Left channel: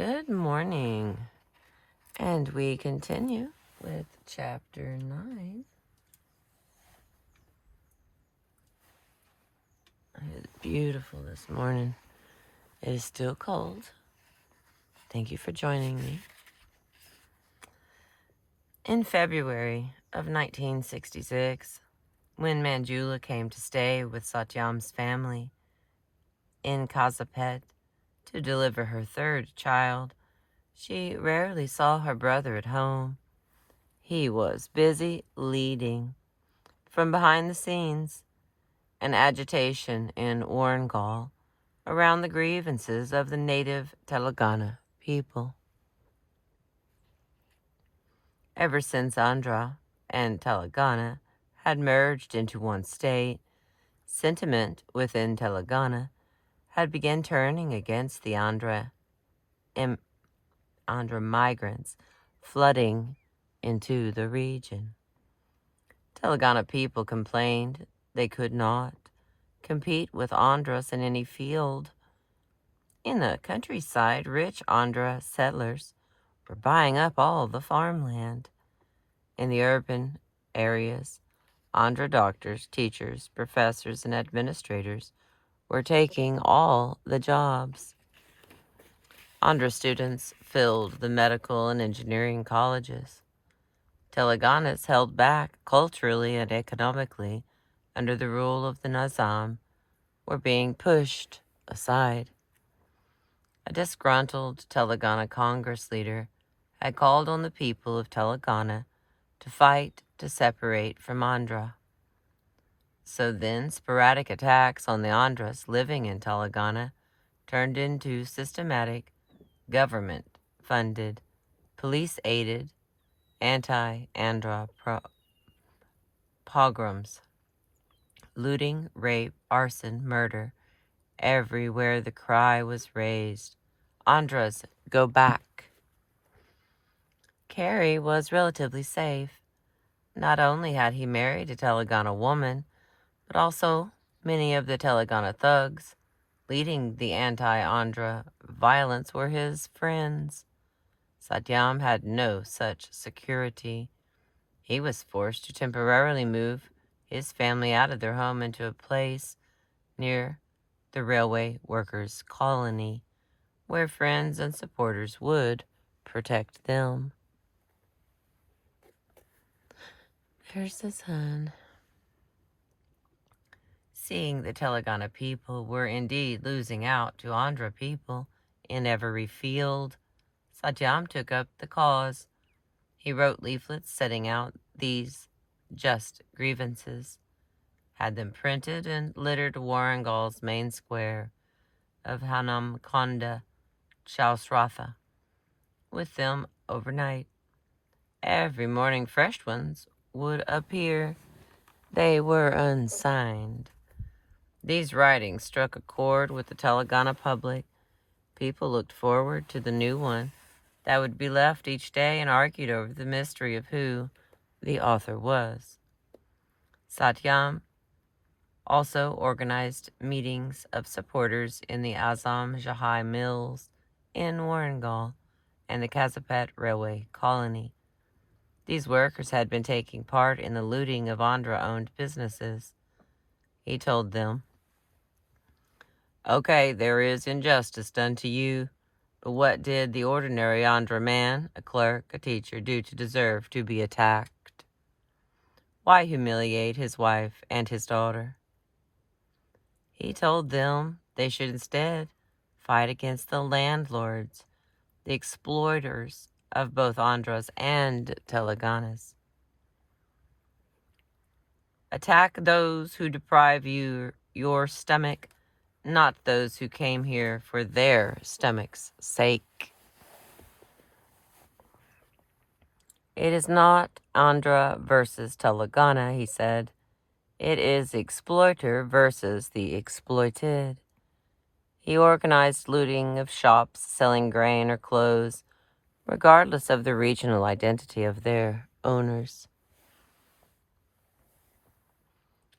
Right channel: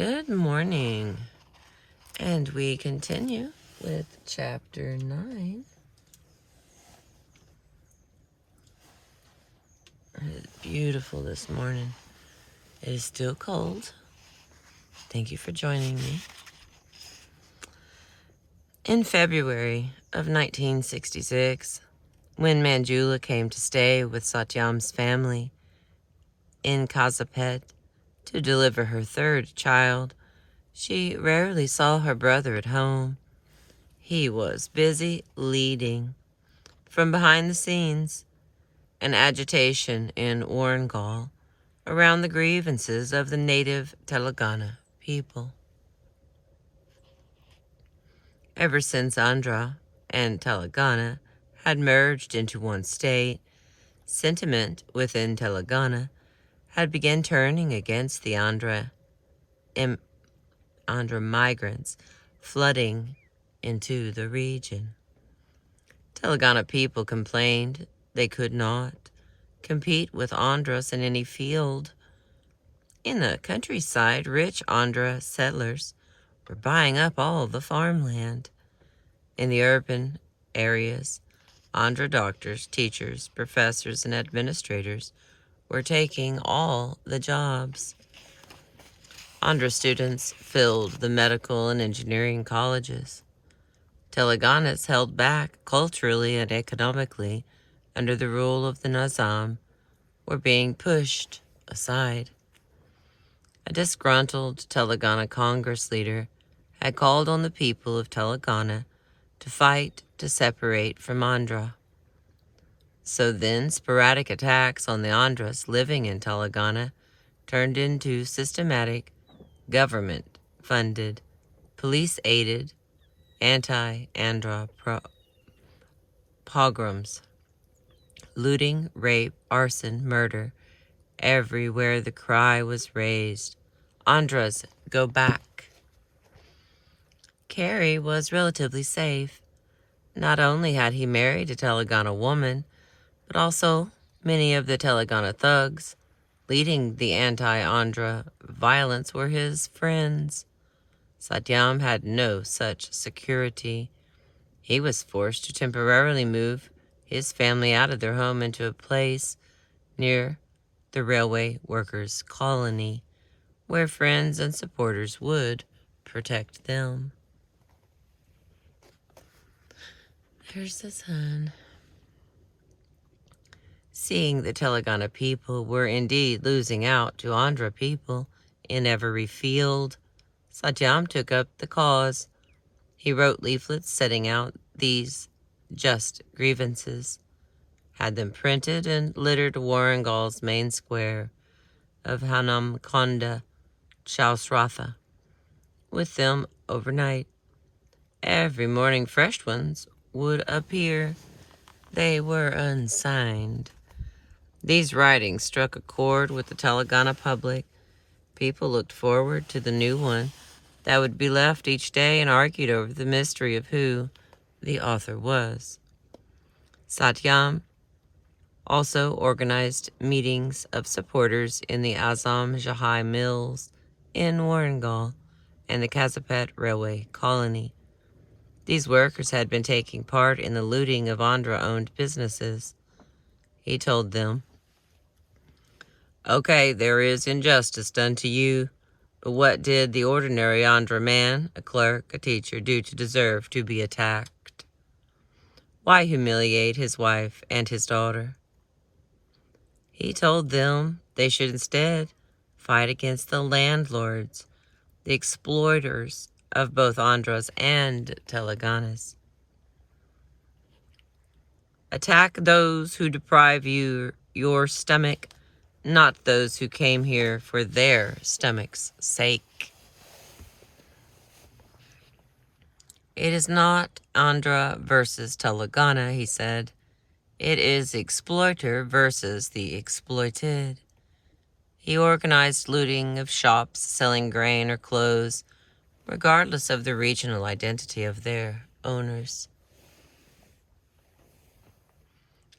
Good morning. And we continue with chapter 9. It is beautiful this morning. It is still cold. Thank you for joining me. In February of 1966, when Manjula came to stay with Satyam's family in Kazapet to deliver her third child, she rarely saw her brother at home. He was busy leading, from behind the scenes, an agitation in Warangal around the grievances of the native Telangana people. Ever since Andhra and Telangana had merged into one state, sentiment within Telangana had begun turning against the Andhra migrants flooding into the region. Telangana people complained they could not compete with Andhras in any field. In the countryside, rich Andhra settlers were buying up all the farmland. In the urban areas, Andhra doctors, teachers, professors, and administrators were taking all the jobs. Andhra students filled the medical and engineering colleges. Telanganas held back culturally and economically under the rule of the Nizam were being pushed aside. A disgruntled Telangana Congress leader had called on the people of Telangana to fight to separate from Andhra. So then sporadic attacks on the Andhras living in Telangana turned into systematic, government-funded, police-aided, anti-Andhra pogroms. Looting, rape, arson, murder. Everywhere the cry was raised, Andhras, go back. Carey was relatively safe. Not only had he married a Telangana woman, but also many of the Telangana thugs leading the anti-Andhra violence were his friends. Satyam had no such security. He was forced to temporarily move his family out of their home into a place near the railway workers' colony, where friends and supporters would protect them. There's the sun. Seeing the Telangana people were indeed losing out to Andhra people in every field, Satyam took up the cause. He wrote leaflets setting out these just grievances, had them printed and littered Warangal's main square of Hanamkonda Chausratha with them overnight. Every morning fresh ones would appear. They were unsigned. These writings struck a chord with the Telangana public. People looked forward to the new one that would be left each day and argued over the mystery of who the author was. Satyam also organized meetings of supporters in the Azam Jahai Mills in Warangal and the Kazapet Railway Colony. These workers had been taking part in the looting of Andhra-owned businesses. He told them, "Okay, there is injustice done to you, but what did the ordinary Andhra man, a clerk, a teacher, do to deserve to be attacked? Why humiliate his wife and his daughter?" He told them they should instead fight against the landlords, the exploiters of both Andhras and Telanganas. Attack those who deprive you your stomach, not those who came here for their stomach's sake. It is not Andhra versus Telangana, he said. It is exploiter versus the exploited. He organized looting of shops selling grain or clothes, regardless of the regional identity of their owners.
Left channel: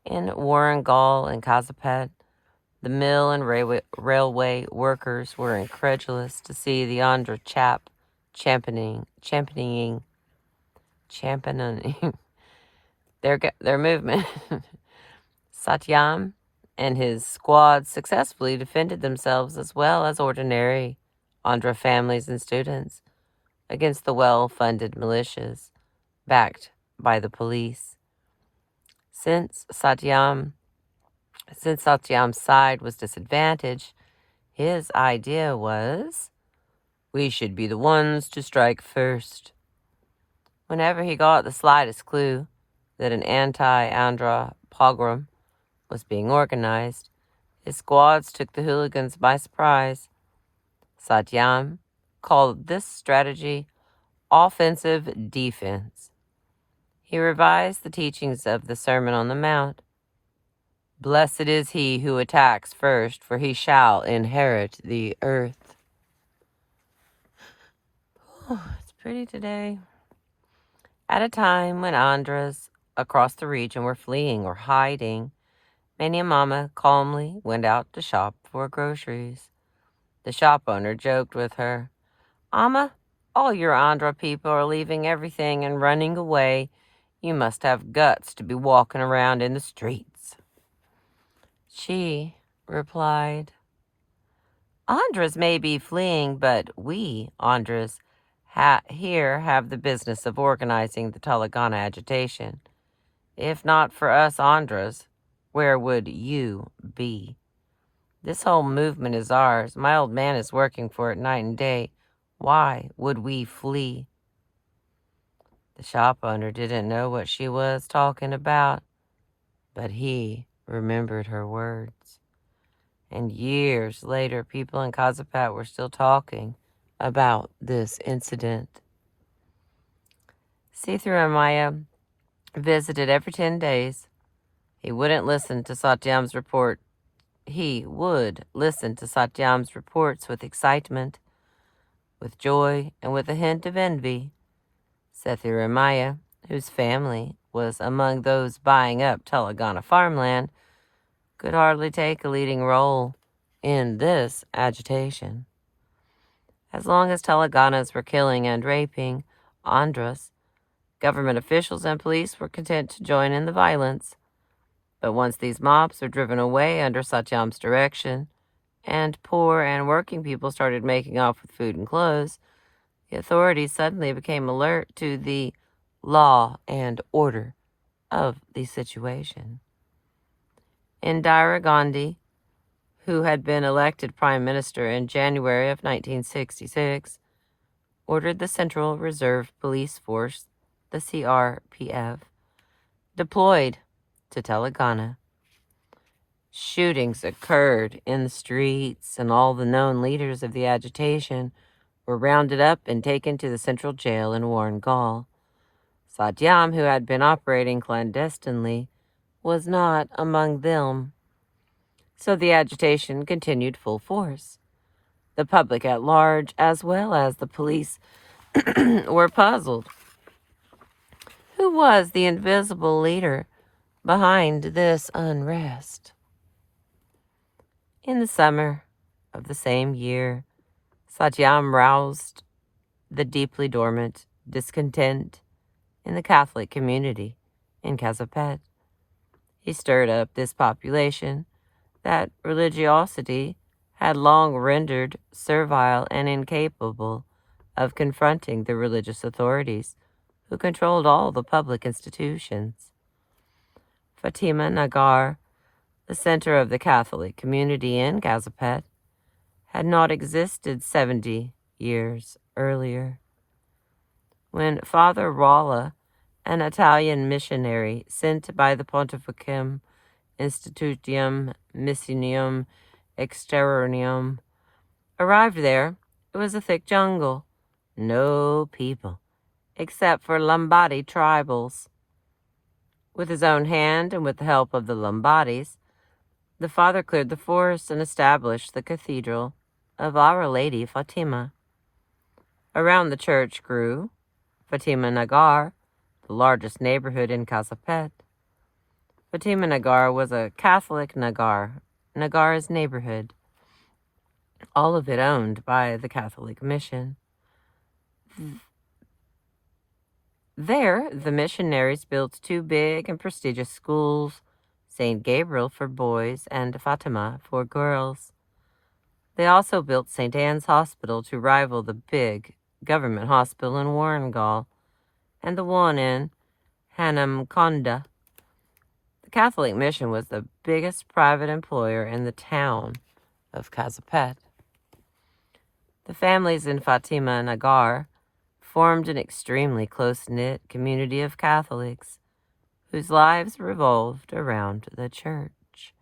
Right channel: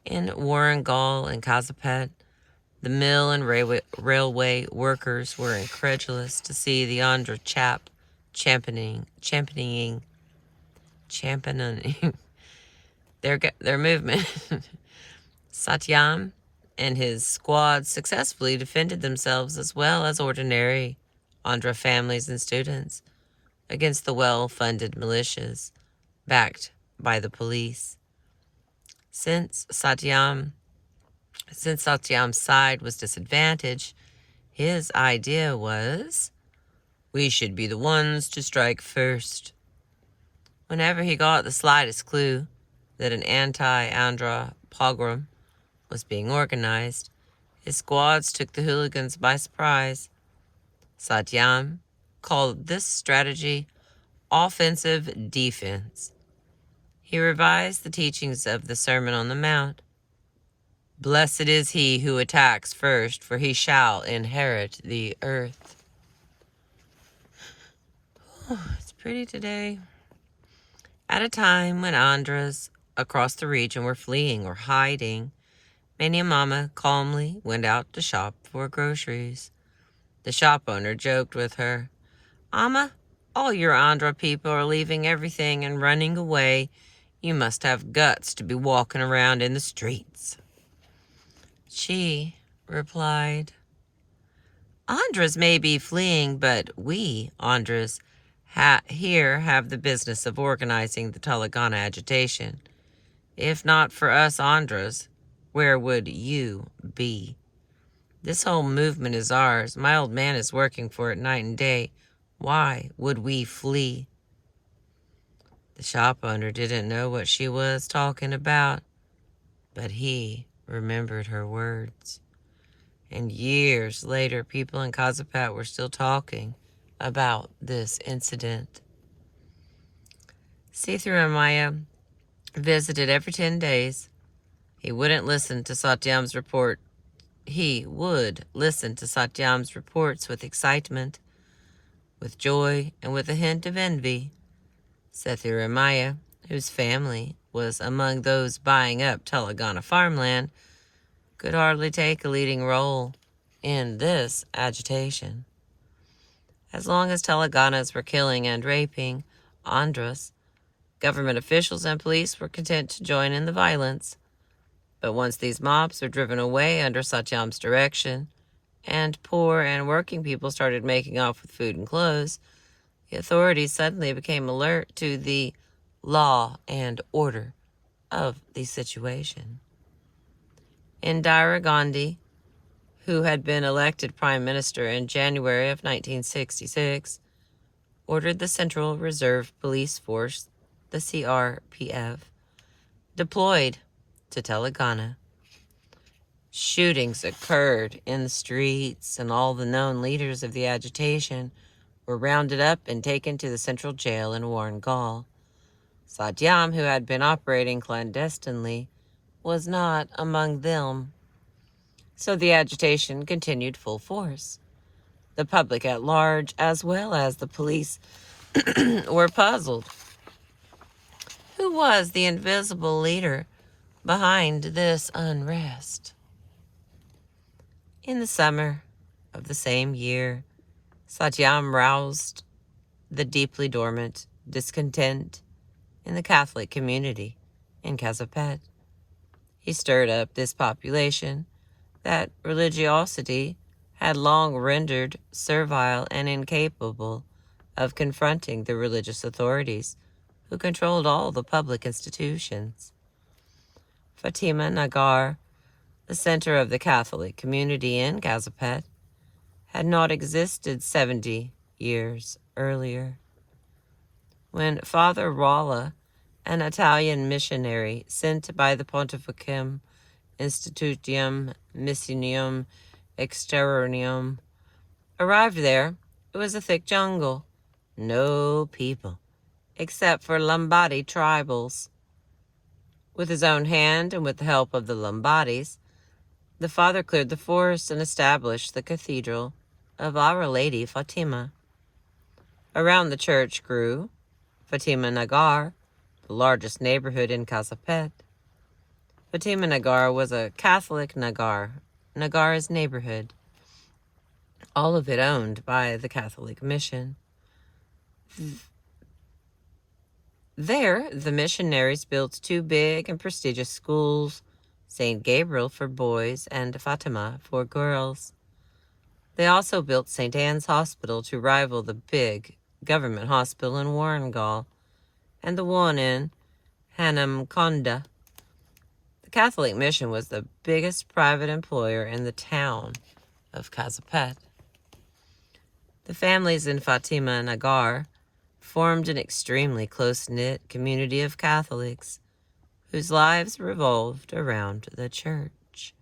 In Warangal and Kazapet, The mill and railway workers were incredulous to see the Andhra chap championing their movement. Satyam and his squad successfully defended themselves as well as ordinary Andhra families and students against the well-funded militias backed by the police. Since Satyam's side was disadvantaged, his idea was, we should be the ones to strike first. Whenever he got the slightest clue that an anti-Andhra pogrom was being organized, his squads took the hooligans by surprise. Satyam called this strategy offensive defense. He revised the teachings of the Sermon on the Mount. Blessed is he who attacks first, for he shall inherit the earth. It's pretty today. At a time when Andhras across the region were fleeing or hiding, Mania Mama calmly went out to shop for groceries. The shop owner joked with her, Amma, all your Andhra people are leaving everything and running away. You must have guts to be walking around in the streets. She replied, Andhras may be fleeing, but we, Andhras, here have the business of organizing the Telangana agitation. If not for us Andhras, where would you be? This whole movement is ours. My old man is working for it night and day. Why would we flee? The shop owner didn't know what she was talking about, but he remembered her words. And years later, people in Kazapat were still talking about this incident. Sitharamaiah visited every 10 days. He wouldn't listen to Satyam's report. He would listen to Satyam's reports with excitement, with joy, and with a hint of envy. Sitharamaiah, whose family was among those buying up Telangana farmland, could hardly take a leading role in this agitation. As long as Telanganas were killing and raping Andhras, government officials and police were content to join in the violence. But once these mobs were driven away under Satyam's direction, and poor and working people started making off with food and clothes, the authorities suddenly became alert to the law and order of the situation. Indira Gandhi, who had been elected Prime Minister in January of 1966, ordered the Central Reserve Police Force, the CRPF, deployed to Telangana. Shootings occurred in the streets, and all the known leaders of the agitation were rounded up and taken to the central jail in Warangal. Satyam, who had been operating clandestinely, was not among them. So the agitation continued full force. The public at large, as well as the police, were puzzled. Who was the invisible leader behind this unrest? In the summer of the same year, Satyam roused the deeply dormant discontent in the Catholic community in Kazapat. He stirred up this population that religiosity had long rendered servile and incapable of confronting the religious authorities who controlled all the public institutions. Fatima Nagar, the center of the Catholic community in Kazapat, had not existed 70 years earlier. When Father Rolla, an Italian missionary sent by the Pontificum Institutium Missioninum Exteriorum, arrived there, it was a thick jungle. No people, except for Lombardy tribals. With his own hand and with the help of the Lombardis, the father cleared the forest and established the cathedral of Our Lady Fatima. Around the church grew Fatima Nagar, the largest neighborhood in Kazapat. Fatima Nagar was a Catholic Nagar, Nagar's neighborhood, all of it owned by the Catholic mission. There, the missionaries built two big and prestigious schools, St. Gabriel for boys and Fatima for girls. They also built St. Anne's Hospital to rival the big government hospital in Warrengal and the one in Hanamkonda. The Catholic mission was the biggest private employer in the town of Kazipet. The families in Fatima Nagar formed an extremely close-knit community of Catholics whose lives revolved around the church.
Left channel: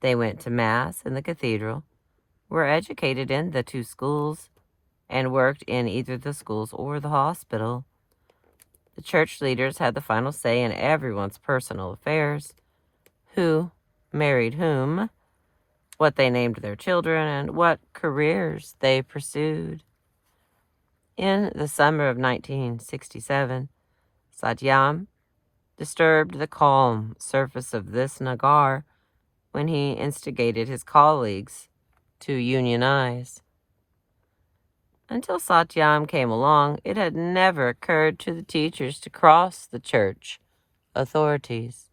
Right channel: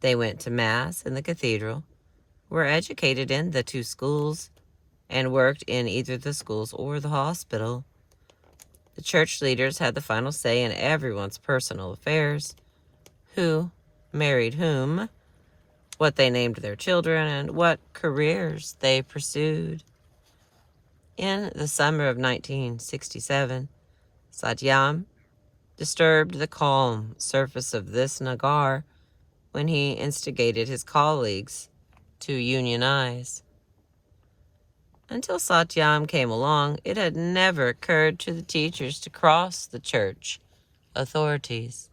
They went to Mass in the cathedral, were educated in the two schools, and worked in either the schools or the hospital. The church leaders had the final say in everyone's personal affairs, who married whom, what they named their children, and what careers they pursued. In the summer of 1967, Satyam disturbed the calm surface of this Nagar when he instigated his colleagues to unionize. Until Satyam came along, it had never occurred to the teachers to cross the church authorities.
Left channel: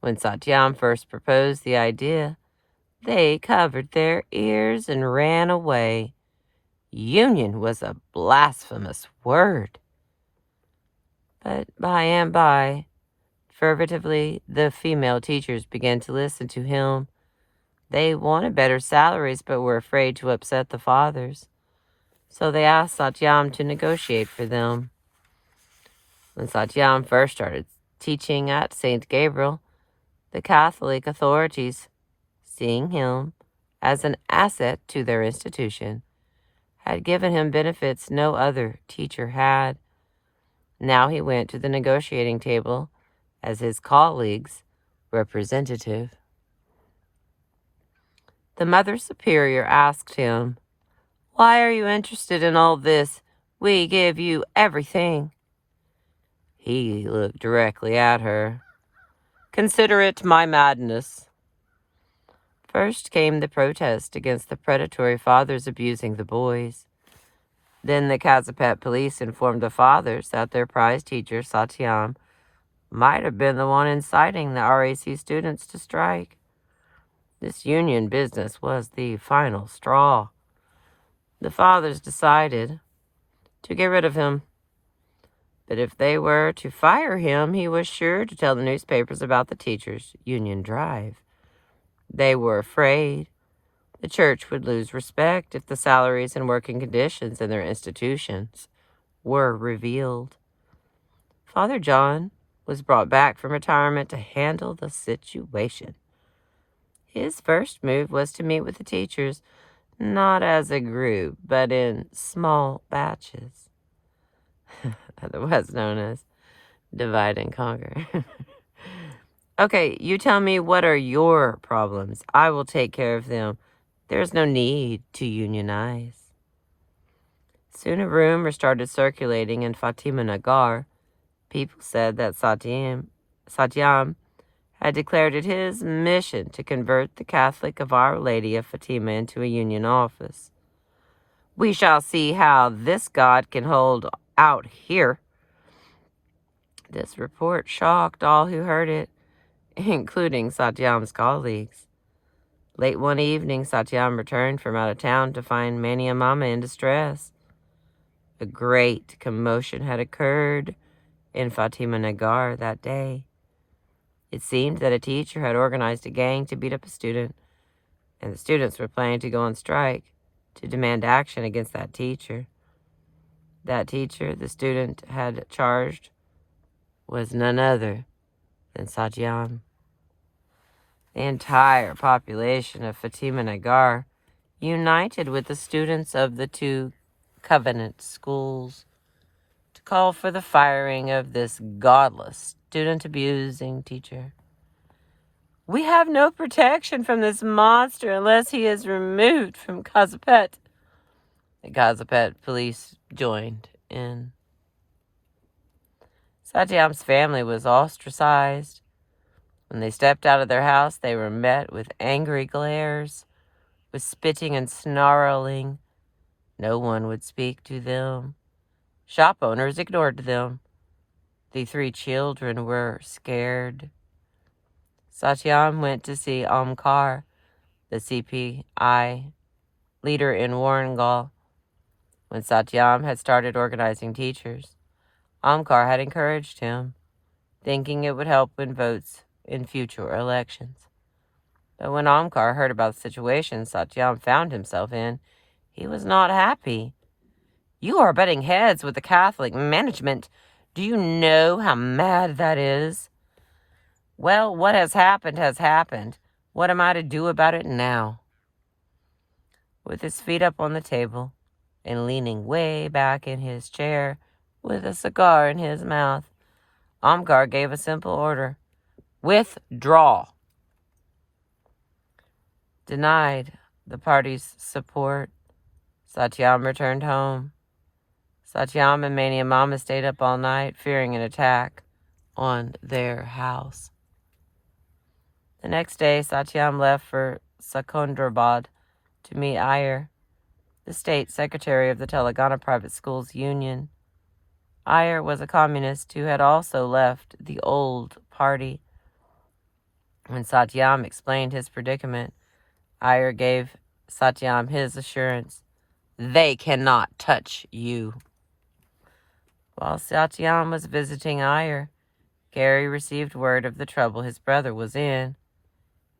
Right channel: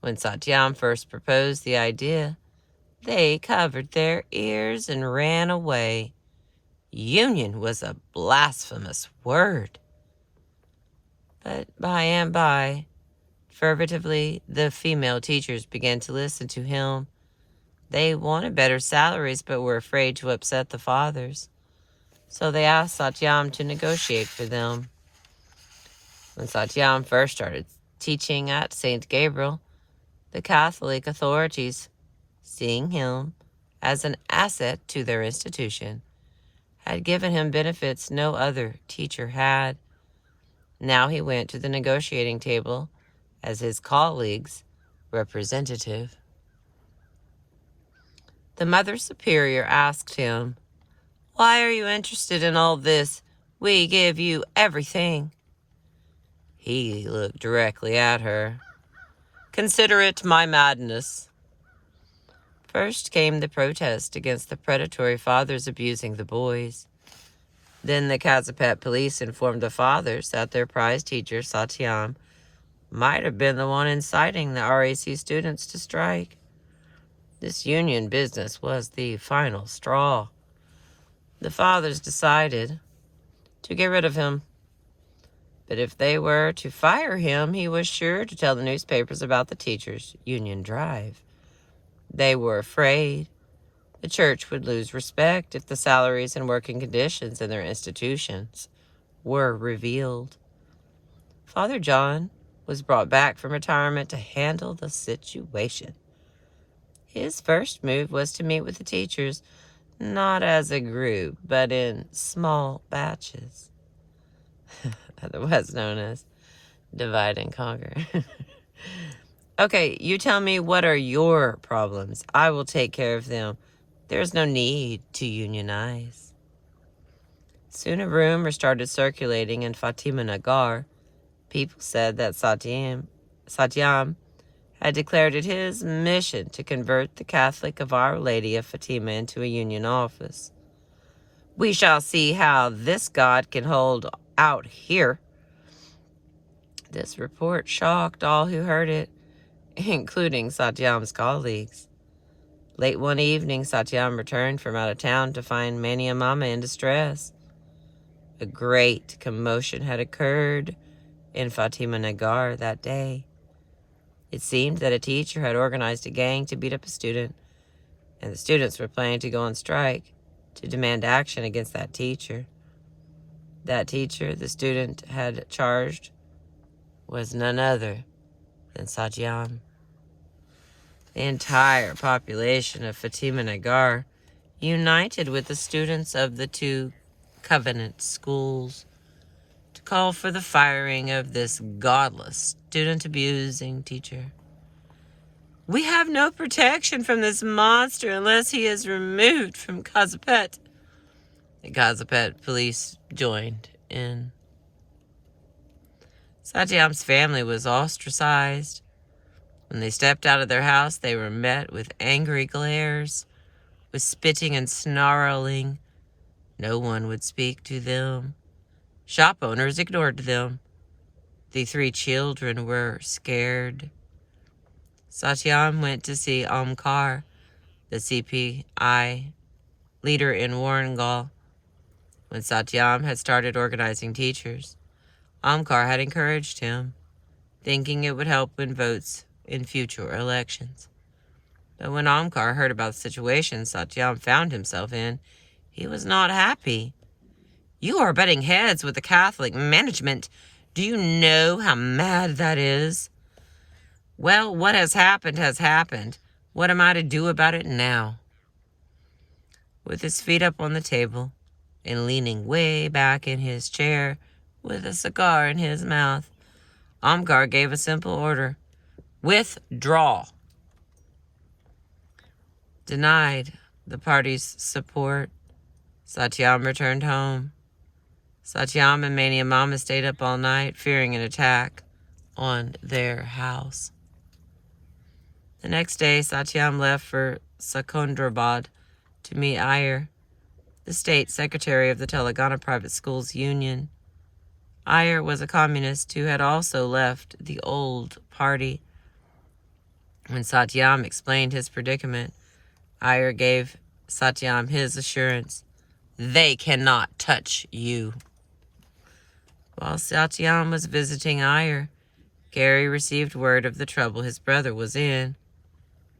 When Satyam first proposed the idea, they covered their ears and ran away. Union was a blasphemous word. But by and by, furtively, the female teachers began to listen to him. They wanted better salaries but were afraid to upset the fathers, so they asked Satyam to negotiate for them. When Satyam first started teaching at St. Gabriel, the Catholic authorities, seeing him as an asset to their institution, had given him benefits no other teacher had. Now he went to the negotiating table as his colleagues' representative. The Mother Superior asked him, "Why are you interested in all this? We give you everything." He looked directly at her. "Consider it my madness." First came the protest against the predatory fathers abusing the boys. Then the Kazipet police informed the fathers that their prize teacher, Satyam, might have been the one inciting the RAC students to strike. This union business was the final straw. The fathers decided to get rid of him. But if they were to fire him, he was sure to tell the newspapers about the teachers' union drive. They were afraid the church would lose respect if the salaries and working conditions in their institutions were revealed. Father John was brought back from retirement to handle the situation. His first move was to meet with the teachers, not as a group, but in small batches, otherwise known as divide and conquer. Okay, you tell me, what are your problems? I will take care of them. There's no need to unionize. Soon a rumor started circulating in Fatima Nagar. People said that Satyam had declared it his mission to convert the Catholic of Our Lady of Fatima into a union office. "We shall see how this God can hold out here." This report shocked all who heard it, including Satyam's colleagues. Late one evening, Satyam returned from out of town to find Mani and Mama in distress. A great commotion had occurred in Fatima Nagar that day. It seemed that a teacher had organized a gang to beat up a student, and the students were planning to go on strike to demand action against that teacher. That teacher the student had charged was none other than Satyam. The entire population of Fatima Nagar united with the students of the two Covenant schools to call for the firing of this godless, student-abusing teacher. "We have no protection from this monster unless he is removed from Kazipet." The Kazipet police joined in. Satyam's family was ostracized. When they stepped out of their house, they were met with angry glares, with spitting and snarling. No one would speak to them. Shop owners ignored them. The 3 children were scared. Satyam went to see Omkar, the CPI leader in Warangal. When Satyam had started organizing teachers, Omkar had encouraged him, thinking it would help win votes in future elections. But when Omkar heard about the situation Satyam found himself in, he was not happy. "You are butting heads with the Catholic management. Do you know how mad that is?" "Well, what has happened has happened. What am I to do about it now?" With his feet up on the table and leaning way back in his chair with a cigar in his mouth, Omkar gave a simple order: withdraw. Denied the party's support, Satyam returned home. Satyam and Mania Mama stayed up all night, fearing an attack on their house. The next day, Satyam left for Secunderabad to meet Iyer, the state secretary of the Telangana Private Schools Union. Iyer was a communist who had also left the old party. When Satyam explained his predicament, Iyer gave Satyam his assurance: "They cannot touch you." While Satyam was visiting Iyer, Gary received word of the trouble his brother was in.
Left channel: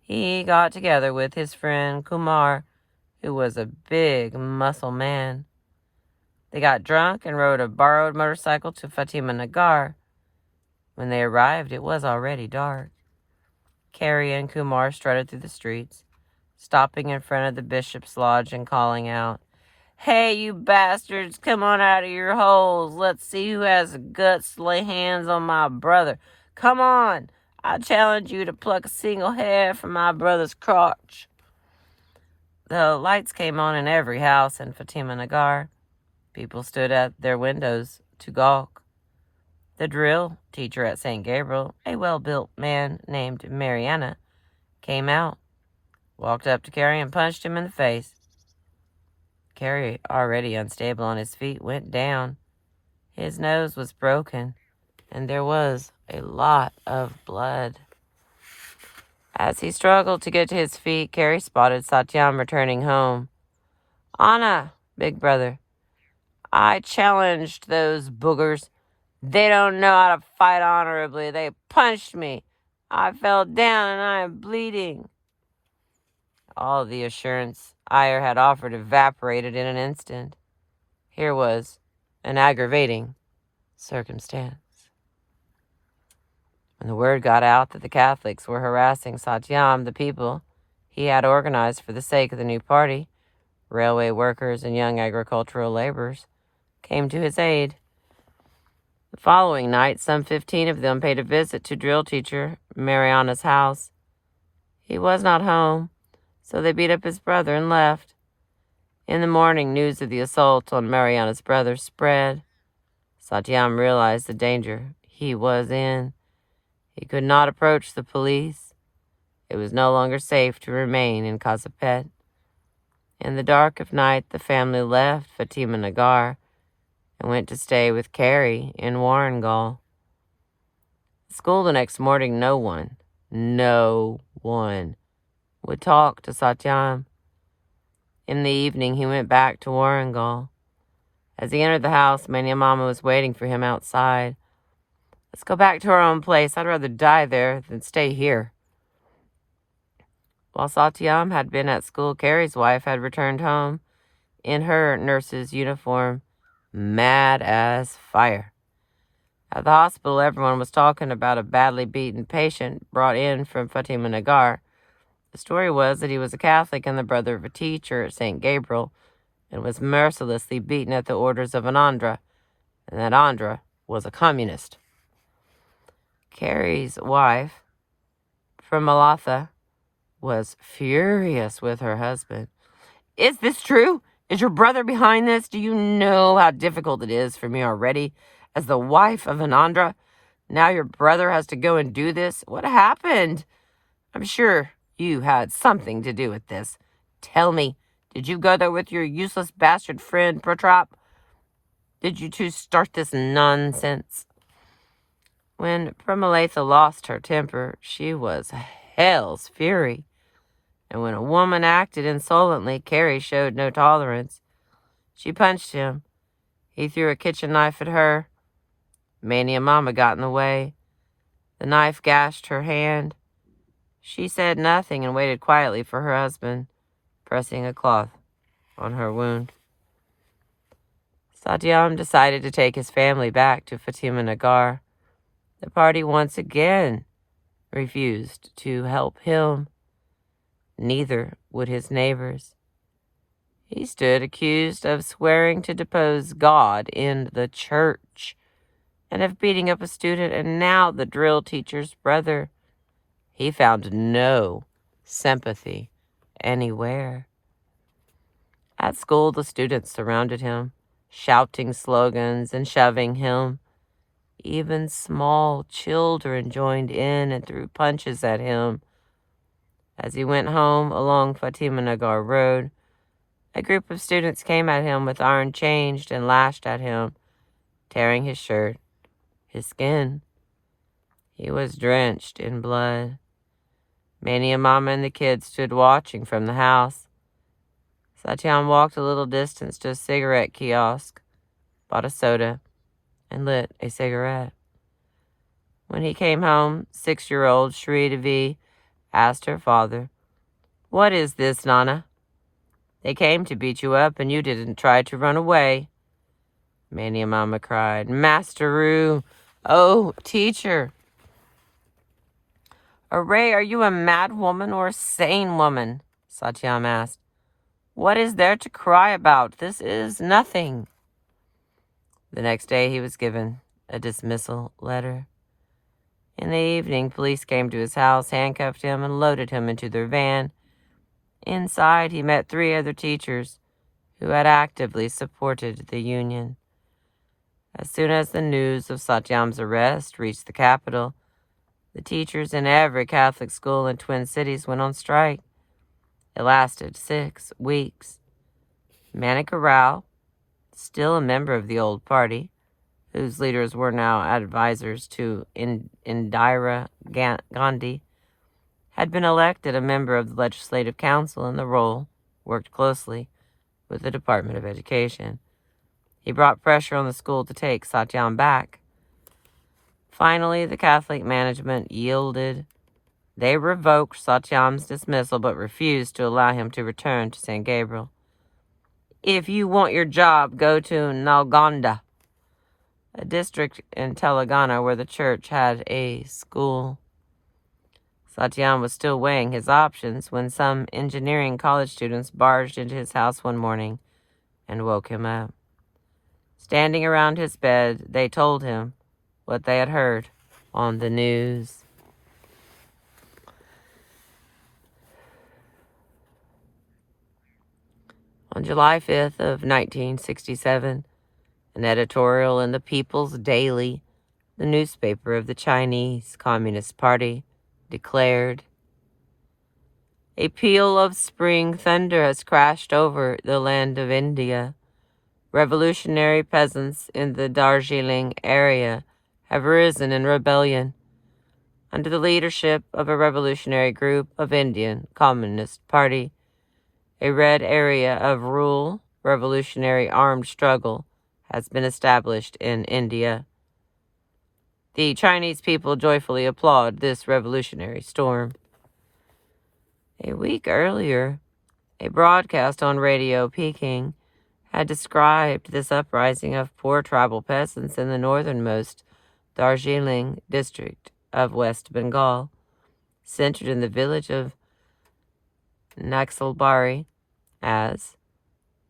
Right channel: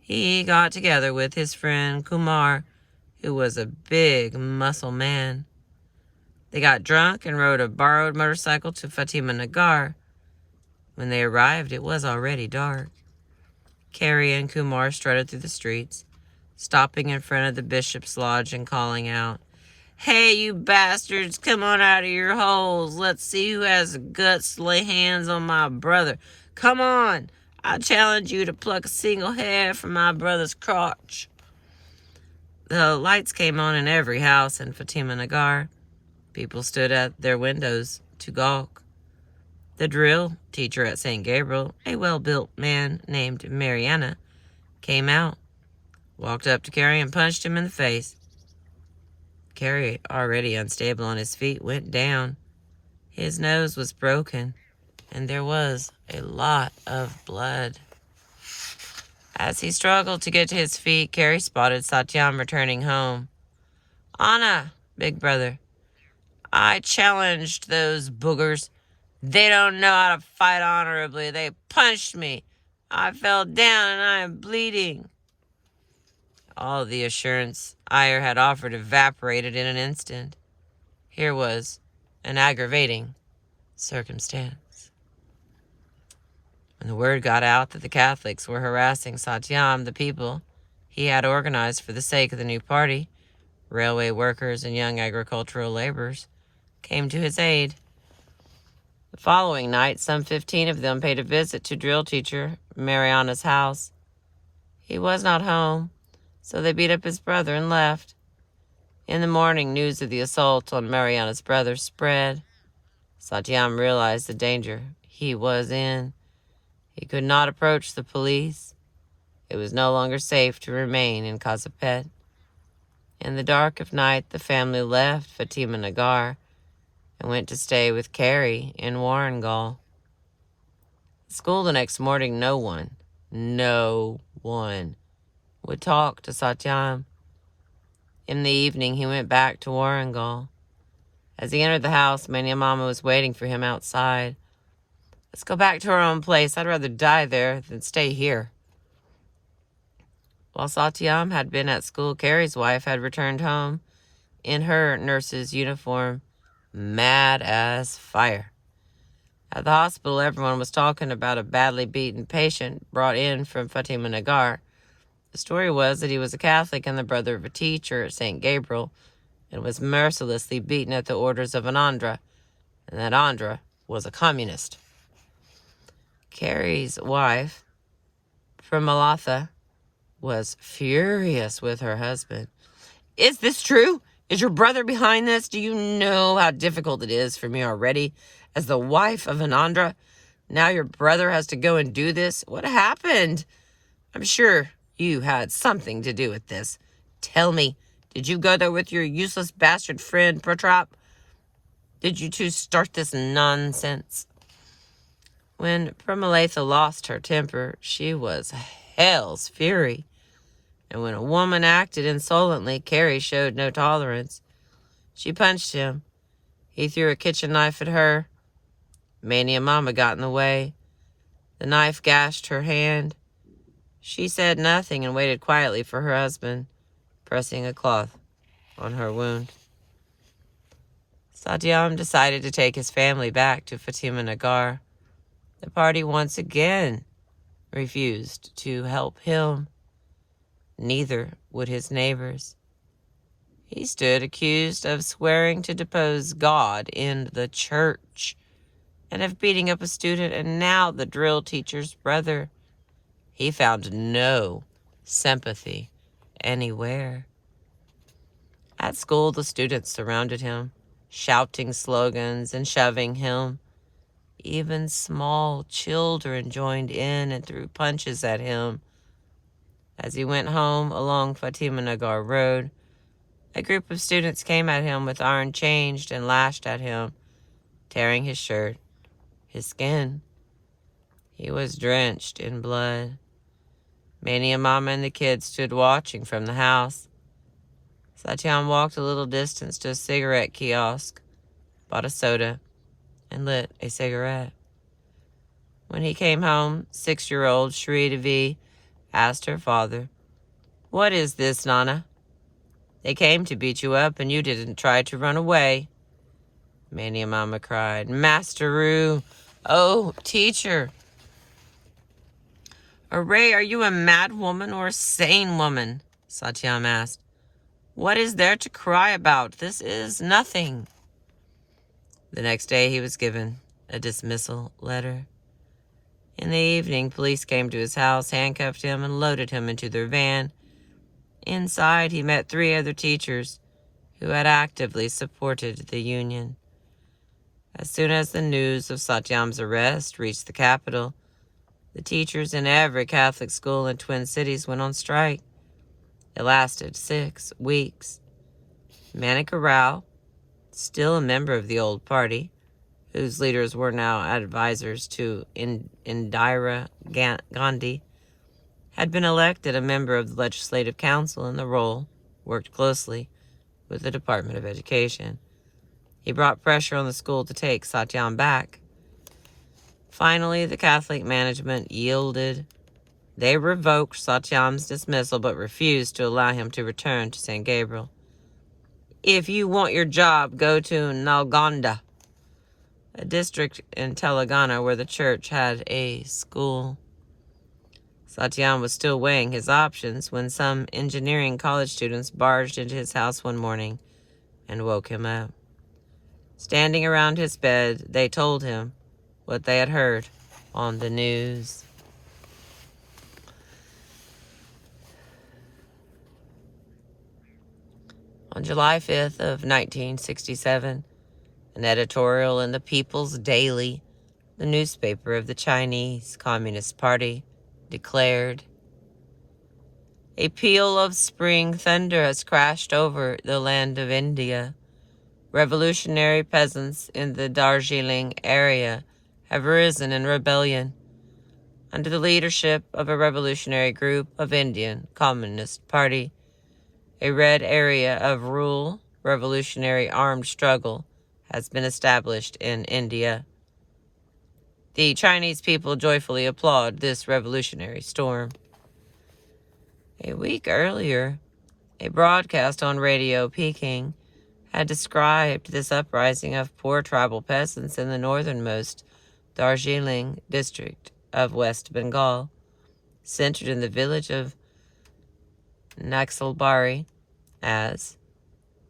He got together with his friend Kumar, who was a big muscle man. They got drunk and rode a borrowed motorcycle to Fatima Nagar. When they arrived, it was already dark. Carrie and Kumar strutted through the streets, stopping in front of the bishop's lodge and calling out, "Hey, you bastards, come on out of your holes. Let's see who has the guts to lay hands on my brother. Come on, I challenge you to pluck a single hair from my brother's crotch." The lights came on in every house in Fatima Nagar. People stood at their windows to gawk. The drill teacher at St. Gabriel, a well-built man named Mariana, came out, walked up to Carrie and punched him in the face. Carrie, already unstable on his feet, went down. His nose was broken, and there was a lot of blood. As he struggled to get to his feet, Carrie spotted Satyam returning home. "Anna, big brother, I challenged those boogers. They don't know how to fight honorably. They punched me. I fell down and I am bleeding." All the assurance Iyer had offered evaporated in an instant. Here was an aggravating circumstance. When the word got out that the Catholics were harassing Satyam, the people he had organized for the sake of the new party, railway workers and young agricultural laborers, came to his aid. The following night, some 15 of them paid a visit to drill teacher Mariana's house. He was not home, so they beat up his brother and left. In the morning, news of the assault on Mariana's brother spread. Satyam realized the danger he was in. He could not approach the police. It was no longer safe to remain in Kazipet. In the dark of night, the family left Fatima Nagar and went to stay with Carrie in Warangal. At school the next morning, no one would talk to Satyam. In the evening, he went back to Warangal. As he entered the house, Mania Mama was waiting for him outside. "Let's go back to our own place. I'd rather die there than stay here." While Satyam had been at school, Carrie's wife had returned home in her nurse's uniform, mad as fire. At the hospital, everyone was talking about a badly beaten patient brought in from Fatima Nagar. The story was that he was a Catholic and the brother of a teacher at St. Gabriel and was mercilessly beaten at the orders of an Andhra, and that Andhra was a communist. Carrie's wife, Pramalatha, was furious with her husband. "Is this true? Is your brother behind this? Do you know how difficult it is for me already as the wife of an Andhra? Now your brother has to go and do this? What happened? I'm sure you had something to do with this. Tell me, did you go there with your useless bastard friend, Protrop? Did you two start this nonsense? When Pramalatha lost her temper, she was hell's fury. And when a woman acted insolently, Carrie showed no tolerance. She punched him. He threw a kitchen knife at her. Mania Mama got in the way. The knife gashed her hand. She said nothing and waited quietly for her husband, pressing a cloth on her wound. Satyam decided to take his family back to Fatima Nagar. The party once again refused to help him. Neither would his neighbors. He stood accused of swearing to depose God in the church and of beating up a student, and now the drill teacher's brother. He found no sympathy anywhere. At school, the students surrounded him, shouting slogans and shoving him. Even small children joined in and threw punches at him. As he went home along Fatima Nagar Road, a group of students came at him with iron chains and lashed at him, tearing his shirt, his skin. He was drenched in blood. Mania Mama and the kids stood watching from the house. Satyam walked a little distance to a cigarette kiosk, bought a soda, and lit a cigarette. When he came home, 6-year-old Shri Devi asked her father, "What is this, Nana? They came to beat you up and you didn't try to run away." Mania Mama cried, "Masteru! Oh, teacher!" "Array, are you a mad woman or a sane woman?" Satyam asked. "What is there to cry about? This is nothing." The next day he was given a dismissal letter. In the evening, police came to his house, handcuffed him, and loaded him into their van. Inside, he met 3 other teachers who had actively supported the union. As soon as the news of Satyam's arrest reached the capital, the teachers in every Catholic school in Twin Cities went on strike. It lasted 6 weeks. Manika Rao, still a member of the old party, whose leaders were now advisors to Indira Gandhi, had been elected a member of the Legislative Council, and the role worked closely with the Department of Education. He brought pressure on the school to take Satyam back. Finally, the Catholic management yielded. They revoked Satyam's dismissal but refused to allow him to return to St. Gabriel. "If you want your job, go to Nalgonda," a district in Telangana where the church had a school. Satyam was still weighing his options when some engineering college students barged into his house one morning and woke him up. Standing around his bed, they told him what they had heard on the news. On July 5th of 1967, an editorial in the People's Daily, the newspaper of the Chinese Communist Party, declared, "A peal of spring thunder has crashed over the land of India. Revolutionary peasants in the Darjeeling area have risen in rebellion under the leadership of a revolutionary group of Indian Communist Party. A red area of rural revolutionary armed struggle has been established in India. The Chinese people joyfully applaud this revolutionary storm." A week earlier, a broadcast on Radio Peking had described this uprising of poor tribal peasants in the northernmost Darjeeling district of West Bengal, centered in the village of Naxalbari, as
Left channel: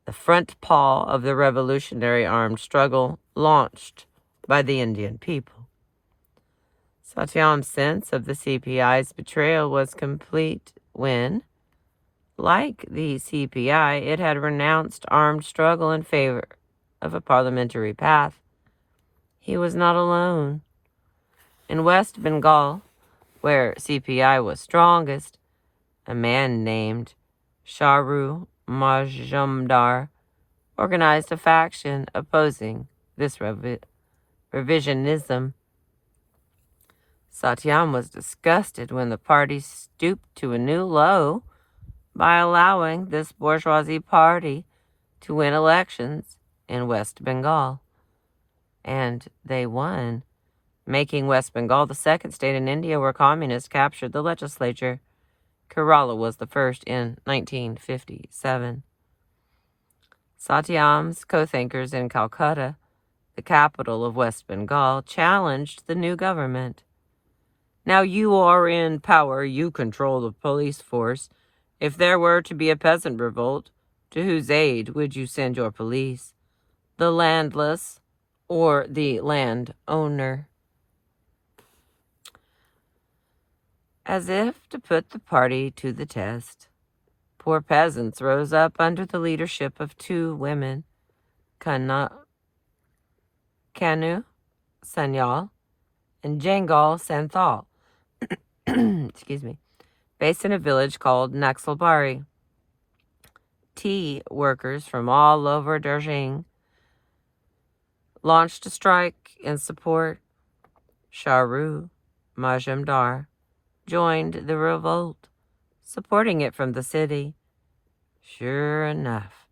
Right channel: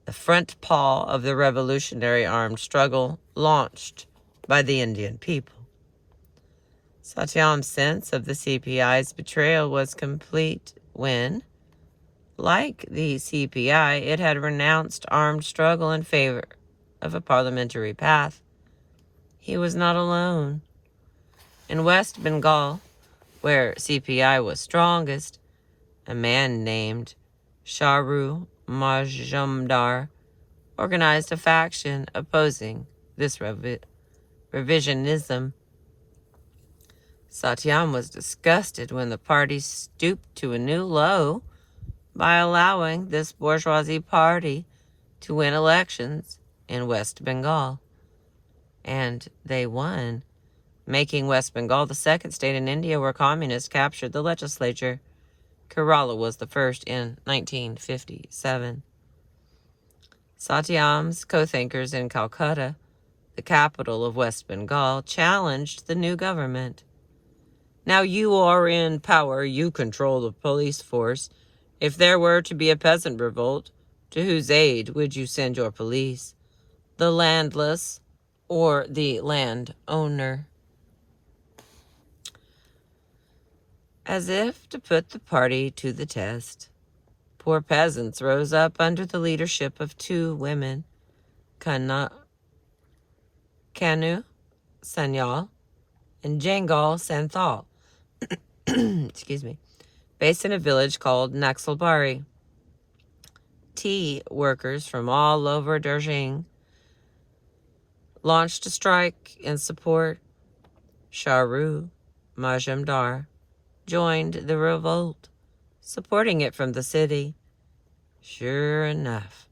the front paw of the revolutionary armed struggle launched by the Indian people. Satyam's sense of the CPI's betrayal was complete when, like the CPI, it had renounced armed struggle in favor of a parliamentary path. He was not alone. In West Bengal, where CPI was strongest, a man named Sharu Majumdar organized a faction opposing this revisionism. Satyam was disgusted when the party stooped to a new low by allowing this bourgeoisie party to win elections in West Bengal. And they won, making West Bengal the second state in India where communists captured the legislature. Kerala was the first in 1957. Satyam's co-thinkers in Calcutta, the capital of West Bengal, challenged the new government. Now you are in power, you control the police force. If there were to be a peasant revolt, to whose aid would you send your police? The landless or the landowner? As if to put the party to the test, poor peasants rose up under the leadership of two women, Kanu Sanyal and Jangal Santhal, excuse me, based in a village called Naxalbari. Tea workers from all over Darjeeling launched a strike in support. Sharu Majumdar joined the revolt, supporting it from the city. Sure enough,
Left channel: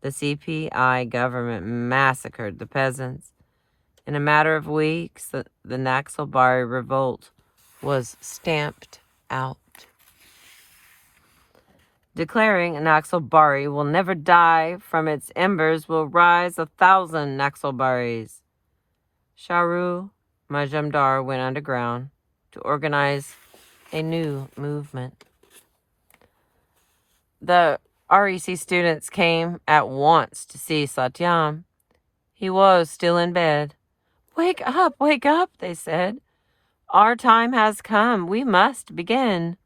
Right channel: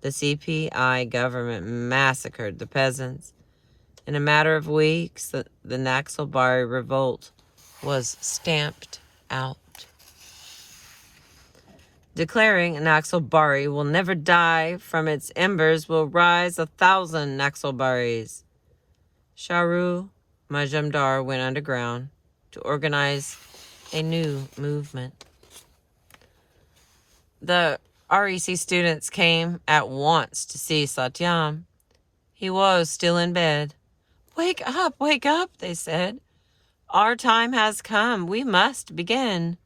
the CPI government massacred the peasants. In a matter of weeks, the Naxalbari revolt was stamped out. Declaring Naxalbari will never die, from its embers will rise 1,000 Naxalbaris. Sharu Majumdar went underground to organize a new movement. The REC students came at once to see Satyam. He was still in bed. Wake up, they said. Our time has come. We must begin.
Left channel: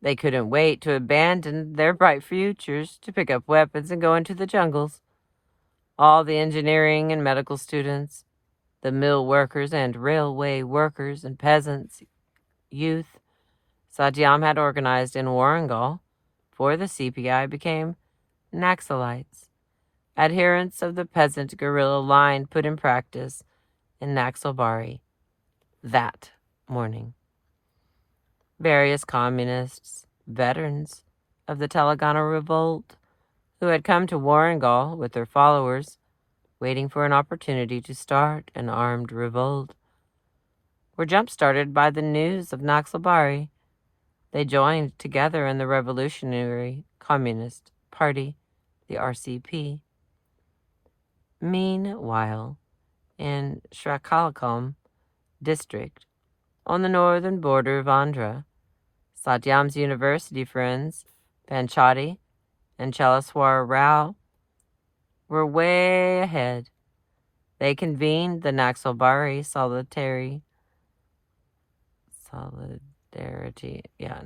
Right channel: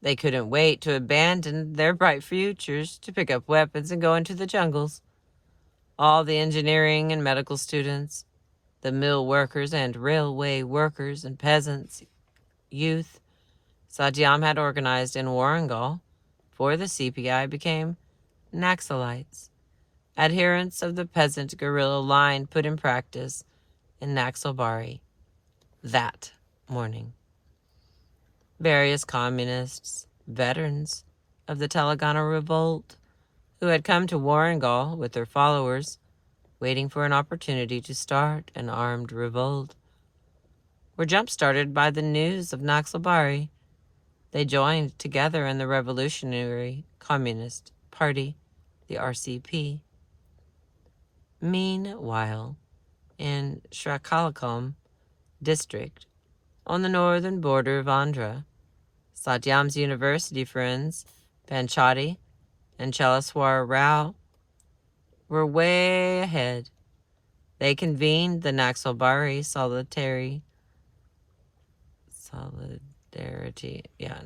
They couldn't wait to abandon their bright futures, to pick up weapons and go into the jungles. All the engineering and medical students, the mill workers and railway workers and peasants, youth, Satyam had organized in Warangal for the CPI became Naxalites, adherents of the peasant guerrilla line put in practice in Naxalbari that morning. Various communists, veterans of the Telangana revolt, who had come to Warangal with their followers, waiting for an opportunity to start an armed revolt, were jump-started by the news of Naxalbari. They joined together in the Revolutionary Communist Party, the RCP. Meanwhile, in Srikakulam district, on the northern border of Andhra, Satyam's university friends, Panchati and Chalaswar Rao, were way ahead. They convened the Naxalbari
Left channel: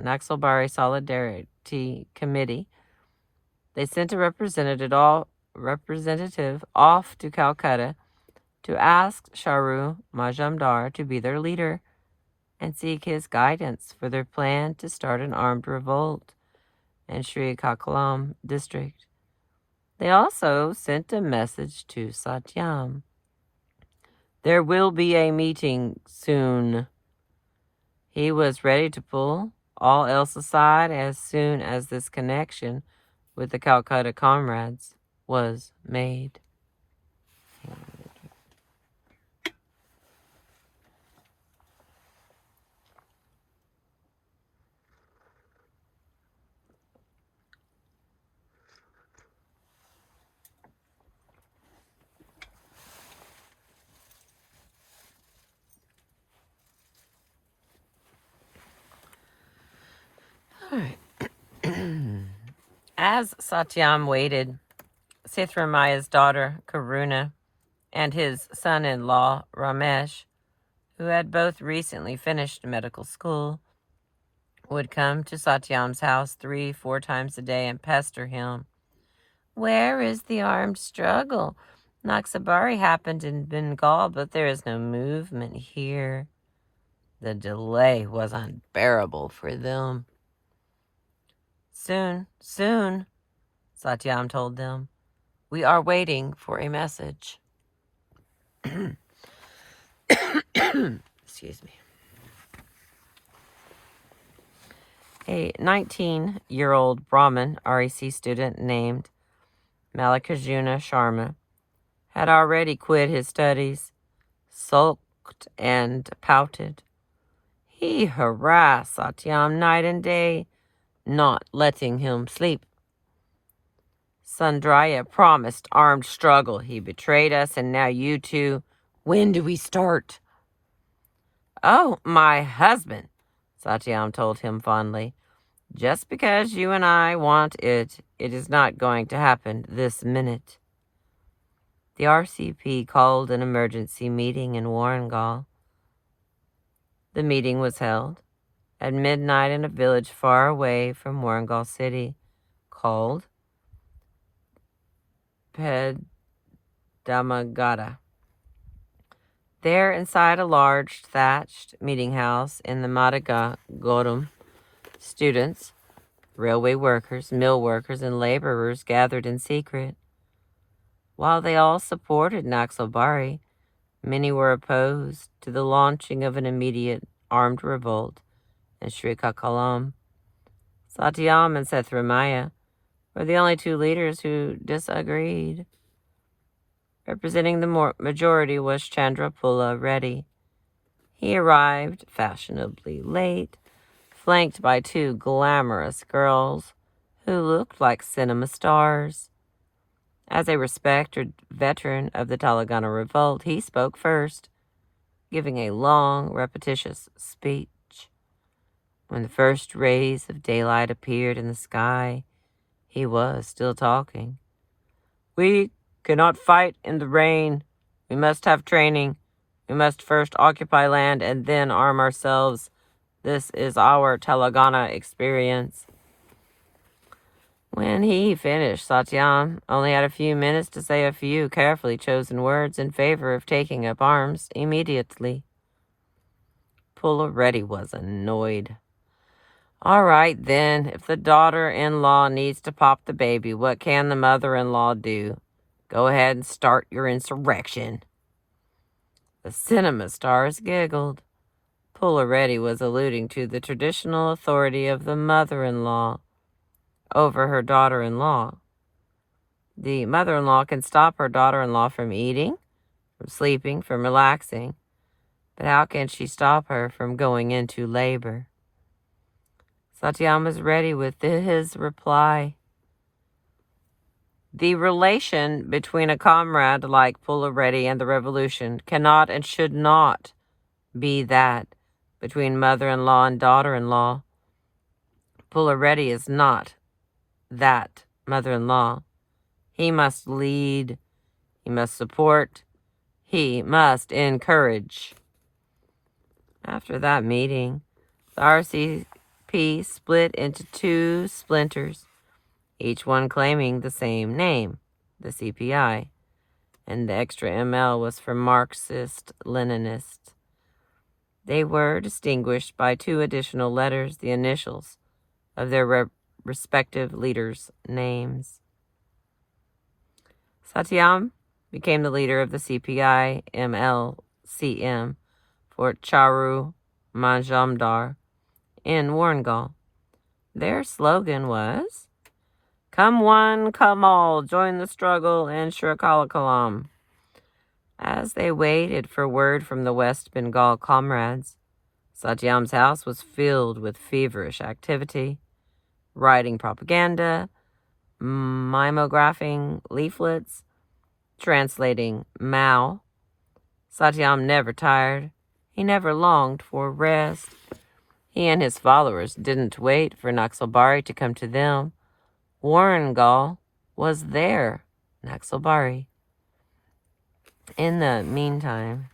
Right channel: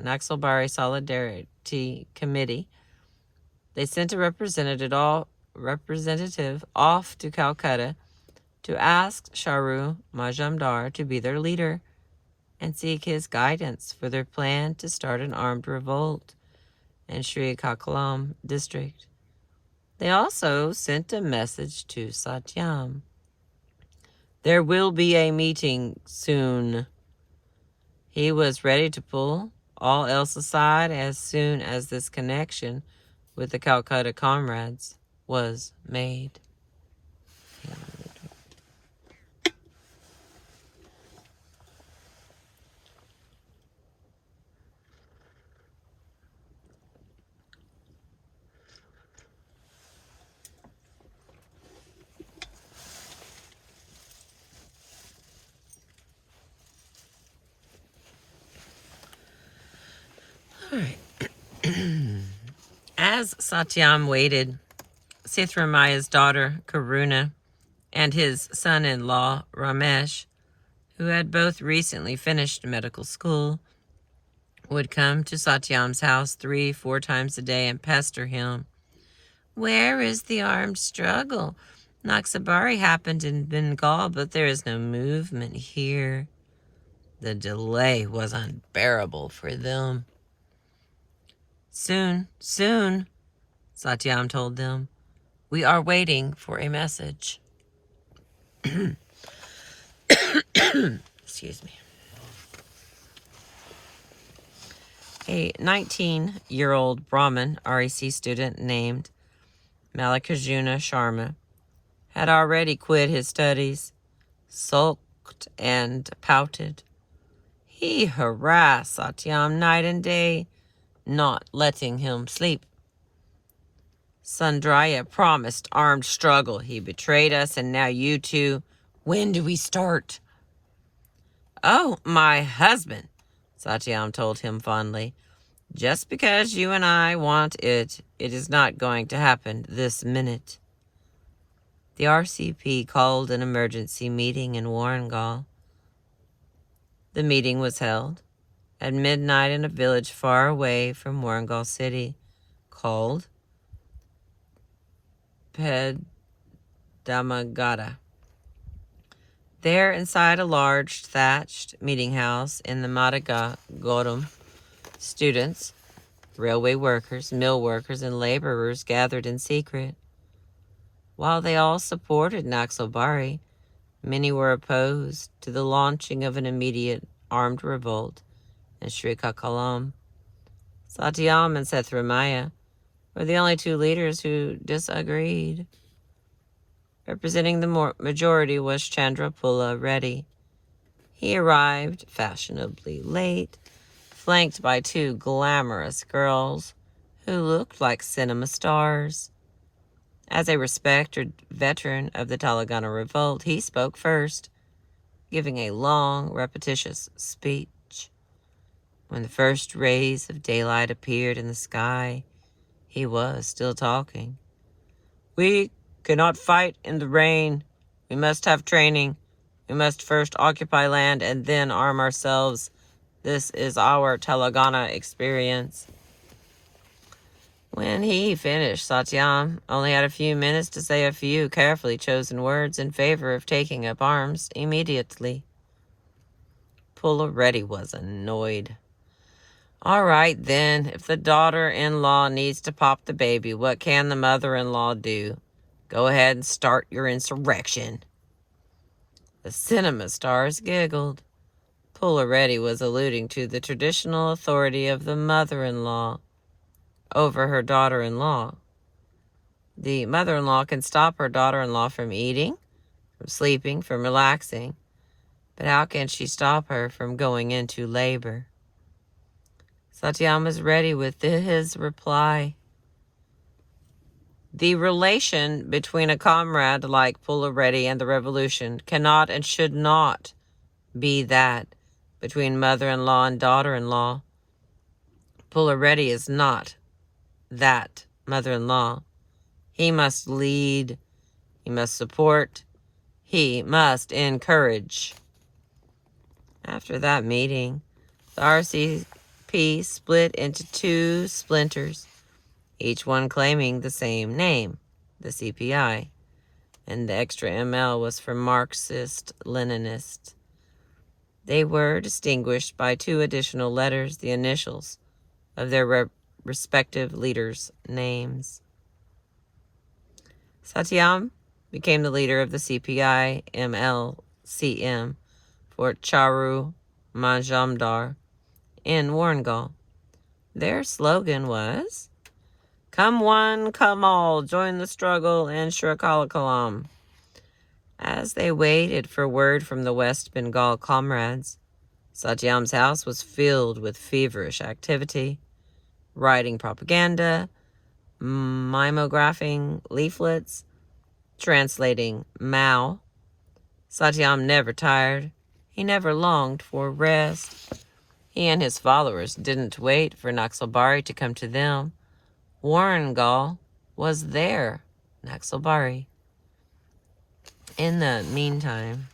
Naxalbari Solidarity Committee. They sent a representative off to Calcutta to ask Sharu Majumdar to be their leader and seek his guidance for their plan to start an armed revolt in Srikakulam district. They also sent a message to Satyam. There will be a meeting soon. He was ready to pull all else aside as soon as this connection with the Calcutta comrades was made. All right. As Satyam waited, Sithramaya's daughter, Karuna, and his son-in-law, Ramesh, who had both recently finished medical school, would come to Satyam's house 3-4 times a day and pester him. Where is the armed struggle? Naxalbari happened in Bengal, but there is no movement here. The delay was unbearable for them. Soon, Satyam told them. We are waiting for a message. Excuse me. A 19-year-old Brahmin REC student named Mallikarjuna Sharma had already quit his studies, sulked and pouted. He harassed Satyam night and day, not letting him sleep. Sundaraya promised armed struggle. He betrayed us, and now you two. When do we start? Oh, my husband, Satyam told him fondly. Just because you and I want it, it is not going to happen this minute. The RCP called an emergency meeting in Warangal. The meeting was held at midnight in a village far away from Warangal city called Pedamagada. There, inside a large thatched meeting house in the Madaga Godum, students, railway workers, mill workers, and laborers gathered in secret. While they all supported Naxalbari, many were opposed to the launching of an immediate armed revolt in Srikakulam. Satyam and Sethramaya were the only two leaders who disagreed. Representing the majority was Chandrapula Reddy. He arrived fashionably late, flanked by two glamorous girls who looked like cinema stars. As a respected veteran of the Telangana revolt, he spoke first, giving a long, repetitious speech. When the first rays of daylight appeared in the sky, he was still talking. We cannot fight in the rain. We must have training. We must first occupy land and then arm ourselves. This is our Telangana experience. When he finished, Satyam only had a few minutes to say a few carefully chosen words in favor of taking up arms immediately. Pula Reddy was annoyed. All right, then, if the daughter-in-law needs to pop the baby, what can the mother-in-law do? Go ahead and start your insurrection. The cinema stars giggled. Pula Reddy was alluding to the traditional authority of the mother-in-law over her daughter-in-law. The mother-in-law can stop her daughter-in-law from eating, from sleeping, from relaxing, but how can she stop her from going into labor? Satyam was ready with his reply. The relation between a comrade like Pula Reddy and the revolution cannot and should not be that between mother-in-law and daughter-in-law. Pula Reddy is not that mother-in-law. He must lead, he must support, he must encourage. After that meeting, the RCP split into two splinters, each one claiming the same name, the CPI, and the extra ML was for Marxist-Leninist. They were distinguished by two additional letters, the initials of their respective leaders' names. Satyam became the leader of the CPI MLCM for Charu Majumdar in Warangal. Their slogan was, "Come one, come all, join the struggle in Srikakulam." As they waited for word from the West Bengal comrades, Satyam's house was filled with feverish activity, writing propaganda, mimeographing leaflets, translating Mao. Satyam never tired. He never longed for rest. He and his followers didn't wait for Naxalbari to come to them. Warangal was their Naxalbari. In the meantime,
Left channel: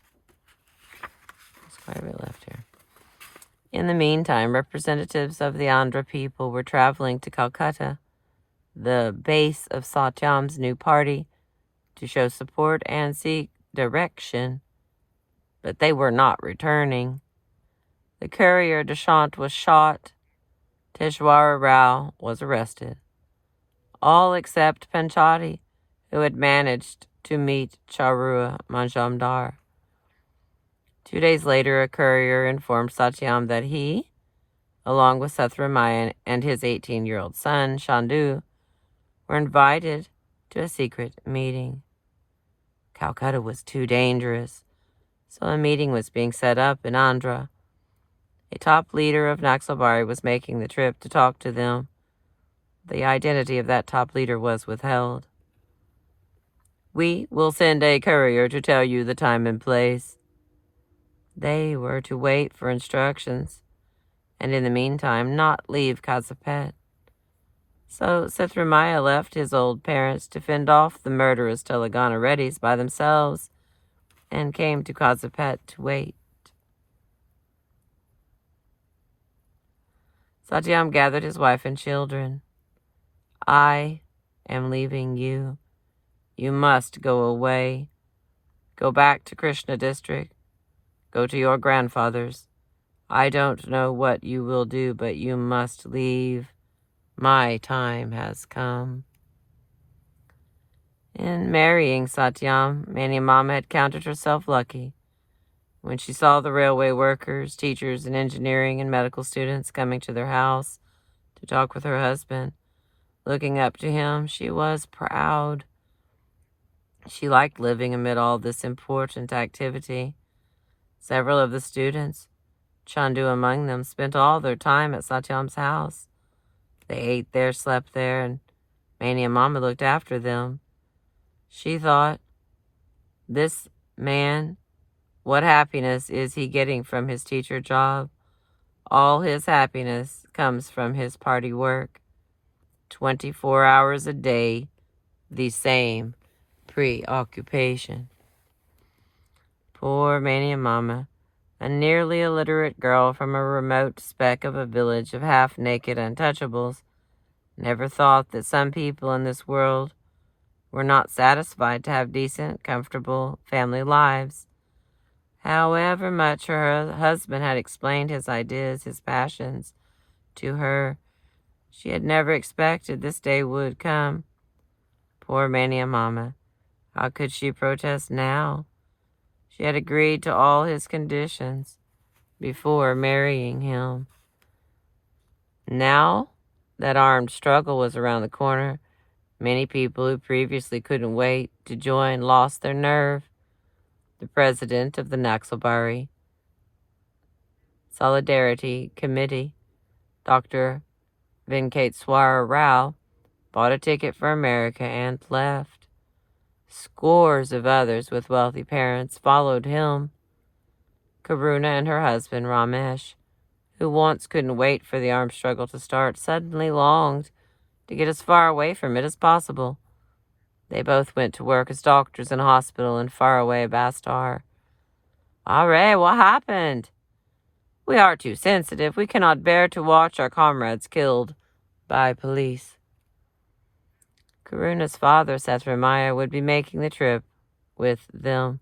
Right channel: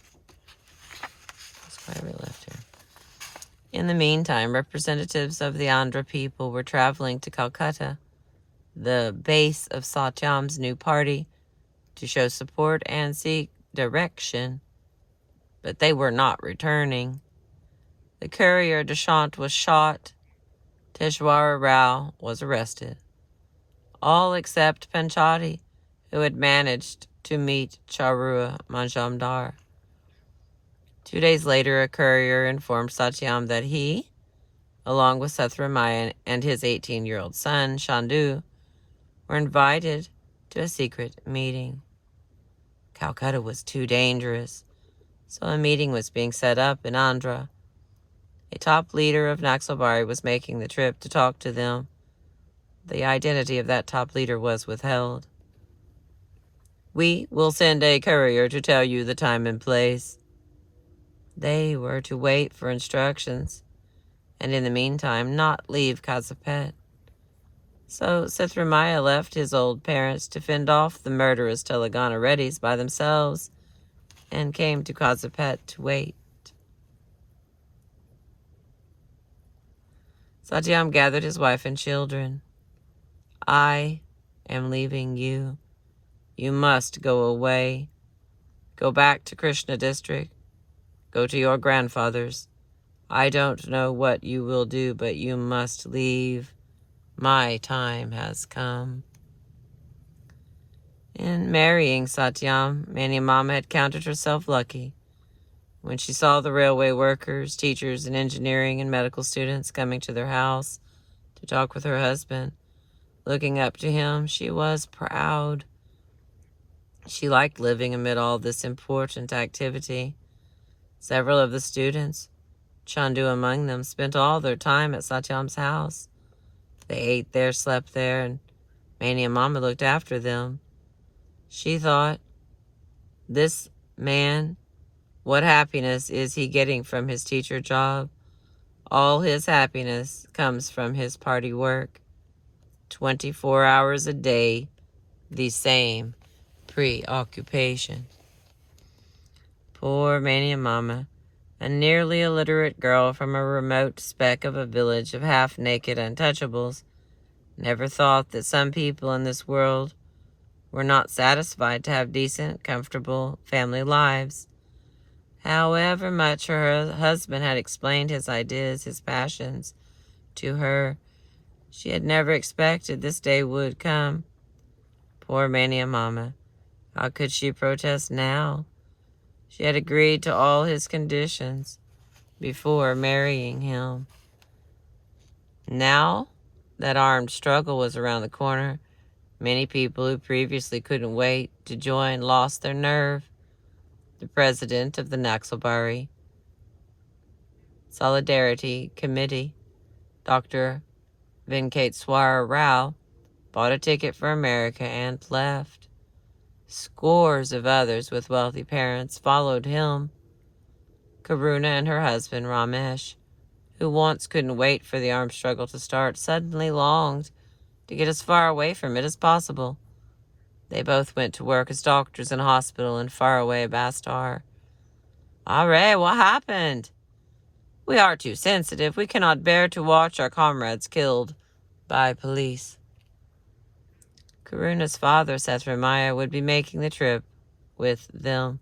representatives of the Andhra people were traveling to Calcutta, the base of Satyam's new party, to show support and seek direction, but they were not returning. The courier Deshant was shot. Peshawar Rao was arrested. All except Panchati, who had managed to meet Charua Majumdar. 2 days later, a courier informed Satyam that he, along with Sathramaya and his 18-year-old son, Chandu, were invited to a secret meeting. Calcutta was too dangerous, so a meeting was being set up in Andhra. A top leader of Naxalbari was making the trip to talk to them. The identity of that top leader was withheld. "We will send a courier to tell you the time and place." They were to wait for instructions, and in the meantime not leave Kazipet. So Sithramaya left his old parents to fend off the murderous Telangana Reddys by themselves and came to Kazipet to wait. Satyam gathered his wife and children. "I am leaving you. You must go away. Go back to Krishna district. Go to your grandfather's. I don't know what you will do, but you must leave. My time has come." In marrying Satyam, Mani Mama had counted herself lucky. When she saw the railway workers, teachers, and engineering and medical students coming to their house to talk with her husband, looking up to him, she was proud. She liked living amid all this important activity. Several of the students, Chandu among them, spent all their time at Satyam's house. They ate there, slept there, and Mani and Mama looked after them. She thought, this man, what happiness is he getting from his teacher job? All his happiness comes from his party work. 24 hours a day, the same preoccupation. Poor Mani and Mama, a nearly illiterate girl from a remote speck of a village of half-naked untouchables, never thought that some people in this world were not satisfied to have decent, comfortable family lives. However much her husband had explained his ideas, his passions, to her, she had never expected this day would come. Poor Mani and Mama, how could she protest now? She had agreed to all his conditions before marrying him. Now that armed struggle was around the corner, many people who previously couldn't wait to join lost their nerve. The president of the Naxalbari Solidarity Committee, Dr. Venkateswara Rao, bought a ticket for America and left. Scores of others with wealthy parents followed him. Karuna and her husband, Ramesh, who once couldn't wait for the armed struggle to start, suddenly longed to get as far away from it as possible. They both went to work as doctors in a hospital in faraway Bastar. "Arre, what happened?" "We are too sensitive. We cannot bear to watch our comrades killed by police." Karuna's father, Sathramaya, would be making the trip with them.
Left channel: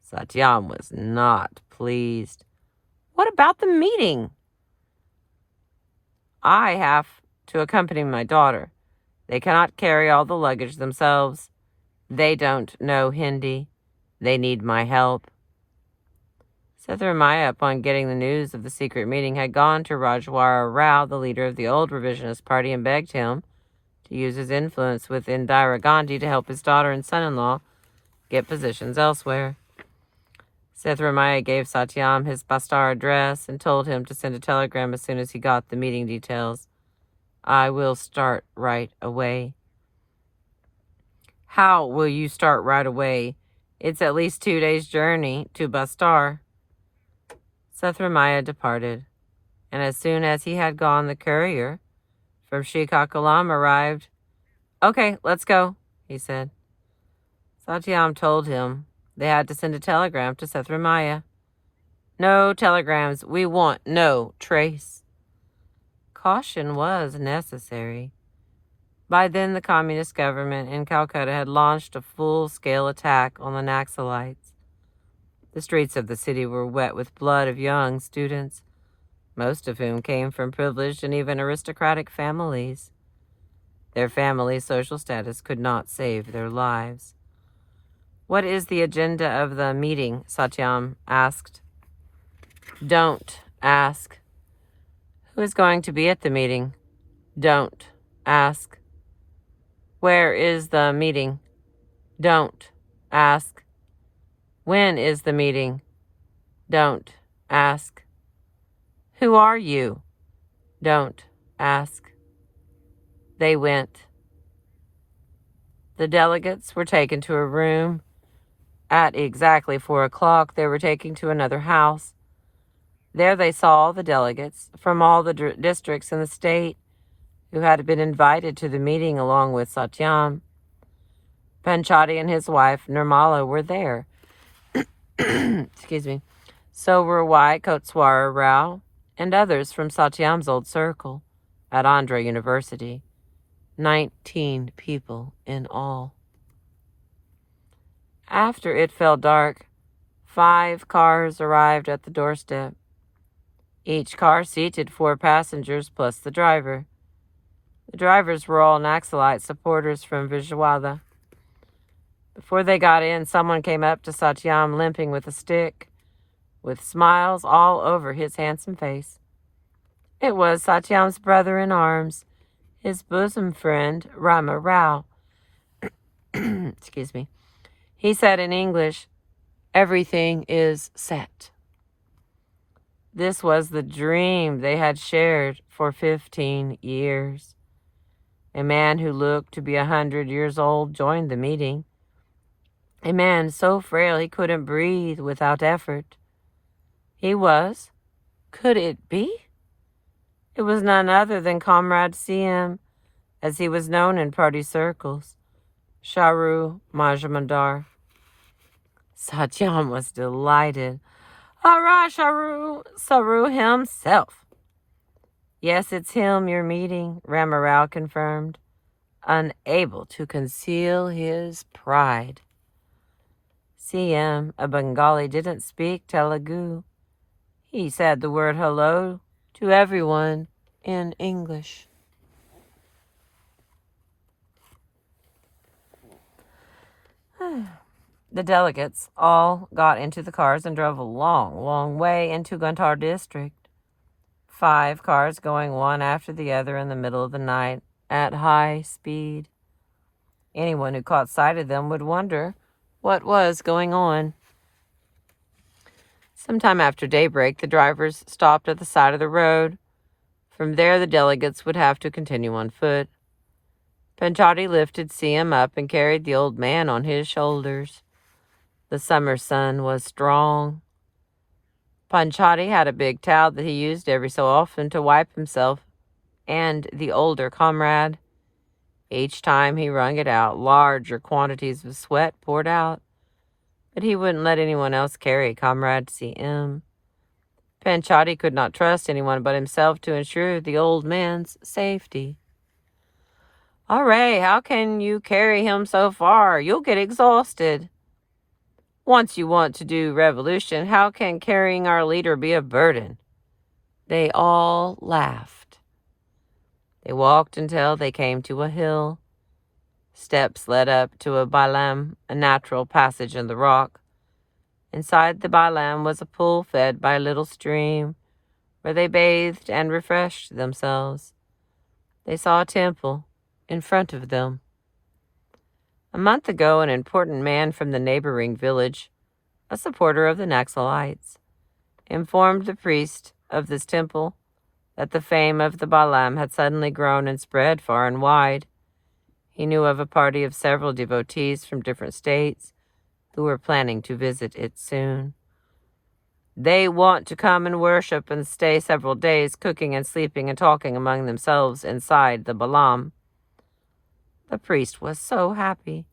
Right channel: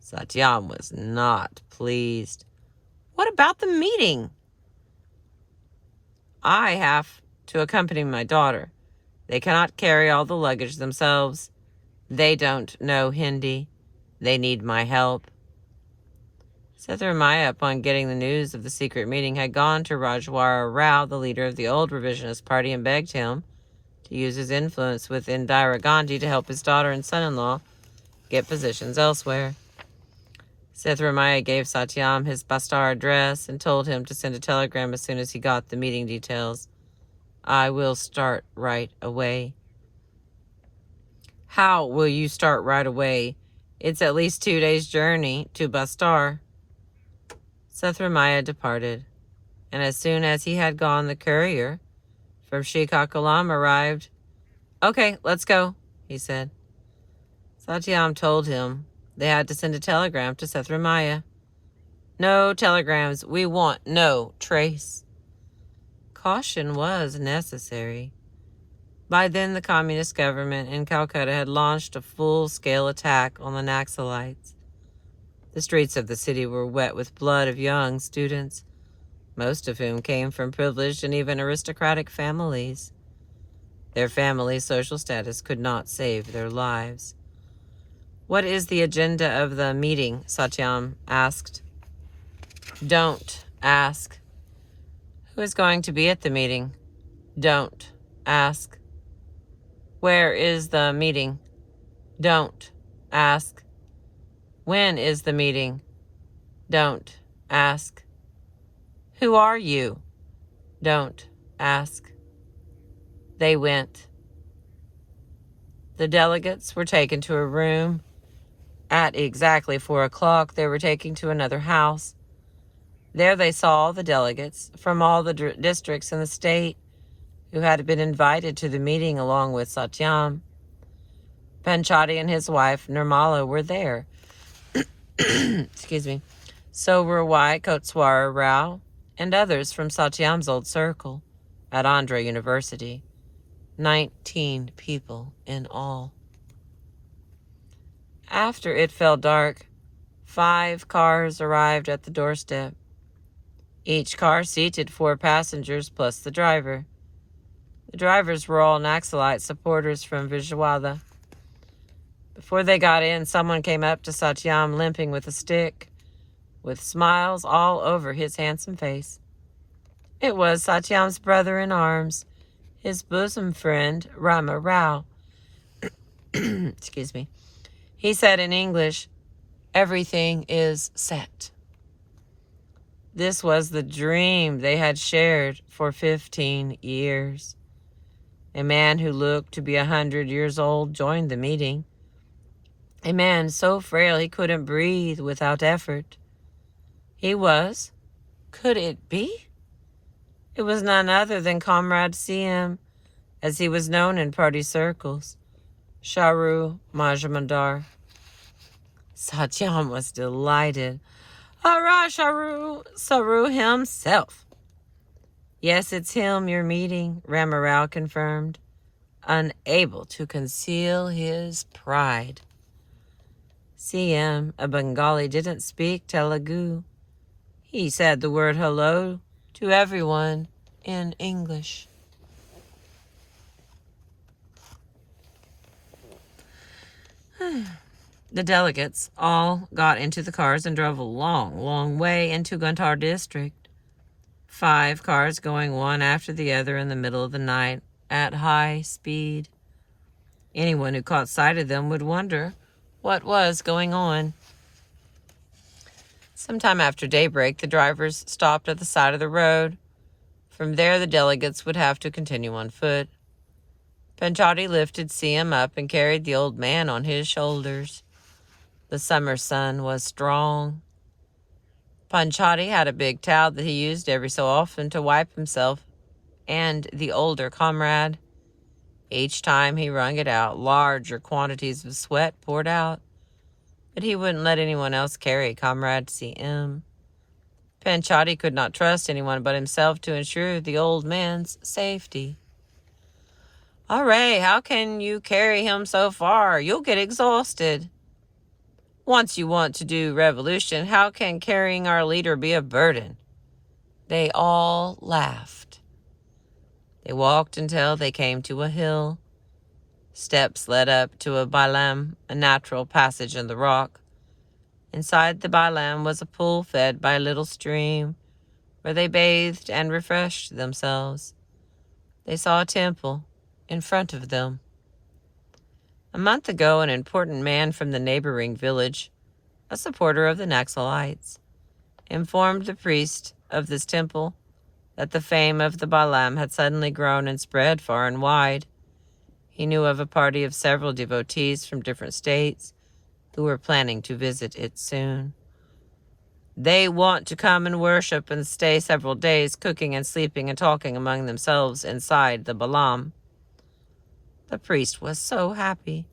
Satyam was not pleased. "What about the meeting?" "I have to accompany my daughter. They cannot carry all the luggage themselves. They don't know Hindi. They need my help." Sathramaya, upon getting the news of the secret meeting, had gone to Rajwara Rao, the leader of the old revisionist party, and begged him to use his influence with Indira Gandhi to help his daughter and son-in-law get positions elsewhere. Sathramaya gave Satyam his Bastar address and told him to send a telegram as soon as he got the meeting details. "I will start right away." "How will you start right away? It's at least 2 days' journey to Bastar." Sathramaya departed, and as soon as he had gone, the courier from Srikakulam arrived. "Okay, let's go," he said. Satyam told him they had to send a telegram to Sathramaya. "No telegrams. We want no trace." Caution was necessary. By then, the communist government in Calcutta had launched a full-scale attack on the Naxalites. The streets of the city were wet with blood of young students, most of whom came from privileged and even aristocratic families. Their family's social status could not save their lives. "What is the agenda of the meeting?" Satyam asked. "Don't ask." "Who is going to be at the meeting?" "Don't ask." "Where is the meeting?" "Don't ask." "When is the meeting?" "Don't ask." "Who are you?" "Don't ask." They went. The delegates were taken to a room. At exactly 4 o'clock, they were taken to another house. There they saw all the delegates from all the districts in the state who had been invited to the meeting along with Satyam. Panchati and his wife, Nirmala, were there. Excuse me. So were Y. Koteswara Rao and others from Satyam's old circle at Andhra University. 19 people in all. After it fell dark, 5 cars arrived at the doorstep. Each car seated 4 passengers plus the driver. The drivers were all Naxalite supporters from Vijayawada. Before they got in, someone came up to Satyam limping with a stick, with smiles all over his handsome face. It was Satyam's brother-in-arms, his bosom friend, Rama Rao. Excuse me. He said in English, "Everything is set." This was the dream they had shared for 15 years. A man who looked to be 100 years old joined the meeting. A man so frail he couldn't breathe without effort. He was, could it be? It was none other than Comrade CM, as he was known in party circles, Charu Majumdar. Satyam was delighted. "All right, Saru himself." "Yes, it's him you're meeting," Ramarao confirmed, unable to conceal his pride. CM, a Bengali, didn't speak Telugu. He said the word hello to everyone in English. The delegates all got into the cars and drove a long, long way into Guntur district. 5 cars going one after the other in the middle of the night at high speed. Anyone who caught sight of them would wonder what was going on. Sometime after daybreak, the drivers stopped at the side of the road. From there, the delegates would have to continue on foot. Panchati lifted CM up and carried the old man on his shoulders. The summer sun was strong. Panchati had a big towel that he used every so often to wipe himself and the older comrade. Each time he wrung it out, larger quantities of sweat poured out, but he wouldn't let anyone else carry Comrade CM. Panchati could not trust anyone but himself to ensure the old man's safety. "All right, how can you carry him so far? You'll get exhausted." "Once you want to do revolution, how can carrying our leader be a burden?" They all laughed. They walked until they came to a hill. Steps led up to a bailam, a natural passage in the rock. Inside the bailam was a pool fed by a little stream, where they bathed and refreshed themselves. They saw a temple in front of them. A month ago, an important man from the neighboring village, a supporter of the Naxalites, informed the priest of this temple that the fame of the Bailam had suddenly grown and spread far and wide. He knew of a party of several devotees from different states who were planning to visit it soon. "They want to come and worship and stay several days, cooking and sleeping and talking among themselves inside the Bailam." The priest was so happy.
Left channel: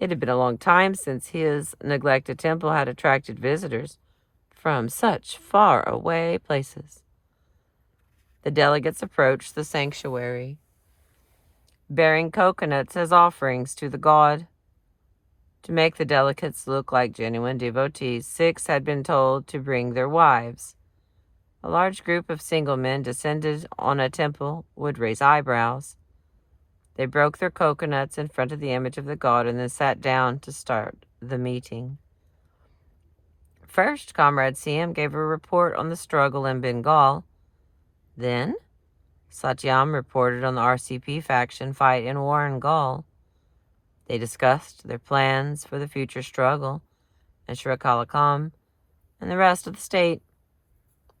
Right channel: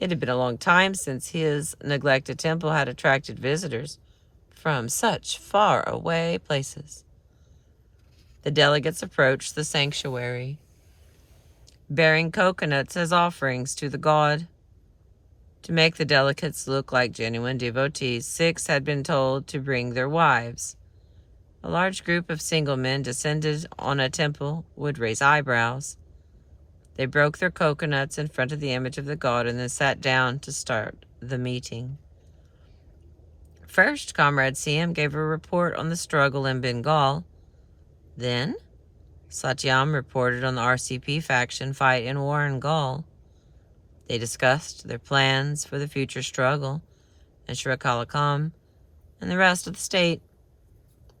It had been a long time since his neglected temple had attracted visitors from such far-away places. The delegates approached the sanctuary, bearing coconuts as offerings to the god. To make the delegates look like genuine devotees, 6 had been told to bring their wives. A large group of single men descended on a temple would raise eyebrows. They broke their coconuts in front of the image of the god and then sat down to start the meeting. First, Comrade CM gave a report on the struggle in Bengal. Then, Satyam reported on the RCP faction fight in Warangal. They discussed their plans for the future struggle in Srikakulam and the rest of the state.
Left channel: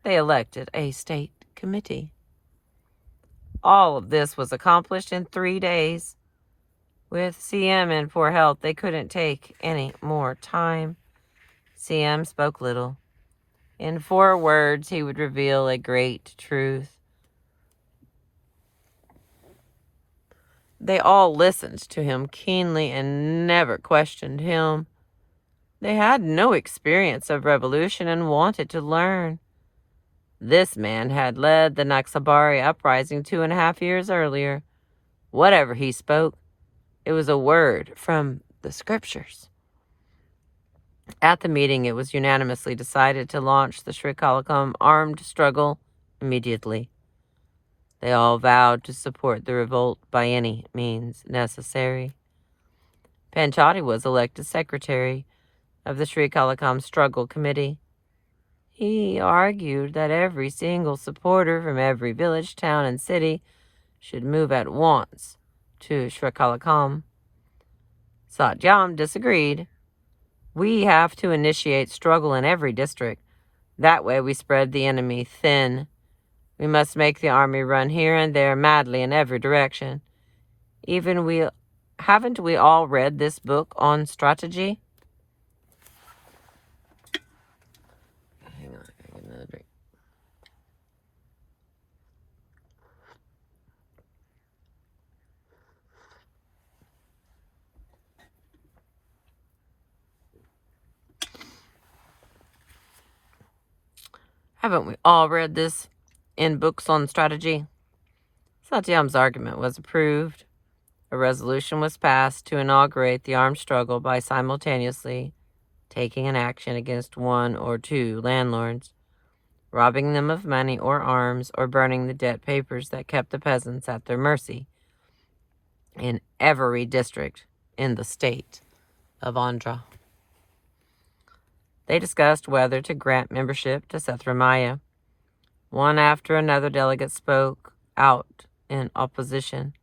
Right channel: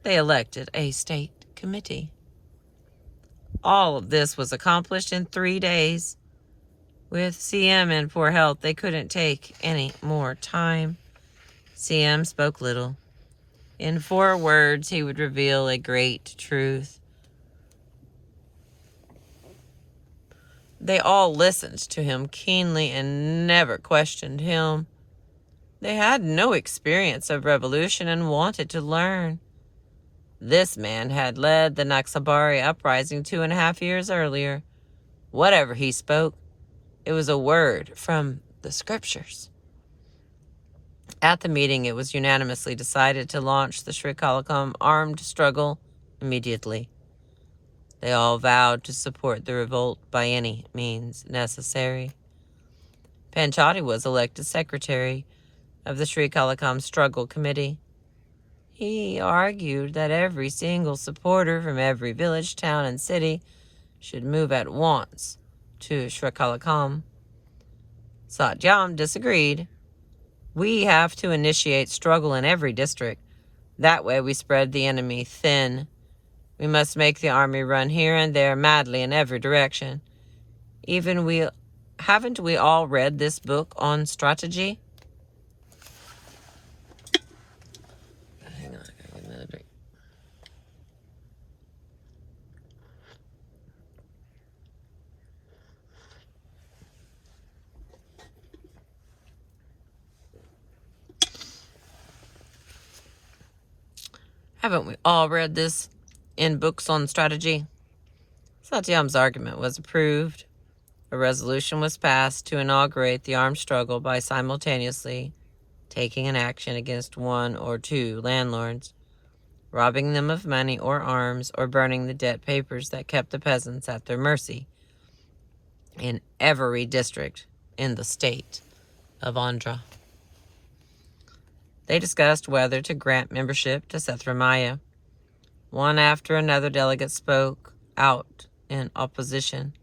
They elected a state committee. All of this was accomplished in 3 days. With CM in poor health, they couldn't take any more time. CM spoke little. In 4 words, he would reveal a great truth. They all listened to him keenly and never questioned him. They had no experience of revolution and wanted to learn. This man had led the Naxabari uprising 2.5 years earlier. Whatever he spoke, it was a word from the scriptures. At the meeting, it was unanimously decided to launch the Srikakulam armed struggle immediately. They all vowed to support the revolt by any means necessary. Panchati was elected secretary of the Srikakulam Struggle Committee. He argued that every single supporter from every village, town, and city should move at once to Srikakulam. Satyam disagreed. We have to initiate struggle in every district. That way we spread the enemy thin. We must make the army run here and there madly in every direction. Haven't we all read this book on strategy? Hang on, I got another drink. Haven't we all read this in books on strategy? Satyam's argument was approved. A resolution was passed to inaugurate the armed struggle by simultaneously taking an action against 1 or 2 landlords, robbing them of money or arms, or burning the debt papers that kept the peasants at their mercy in every district in the state of Andhra. They discussed whether to grant membership to Sathramaya. One after another delegate spoke out in opposition.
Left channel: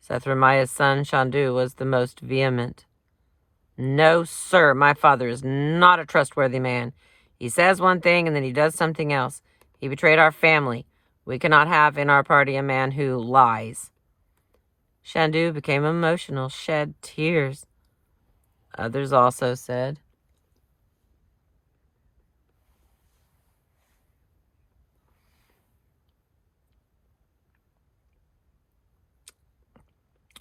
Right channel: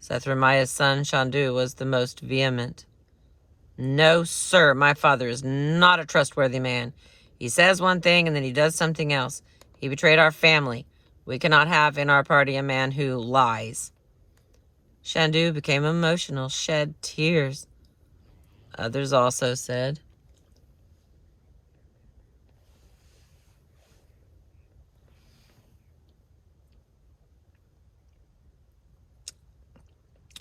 Sathramaya's son Shandu was the most vehement. No, sir, my father is not a trustworthy man. He says one thing and then he does something else. He betrayed our family. We cannot have in our party a man who lies. Shandu became emotional, shed tears. Others also said,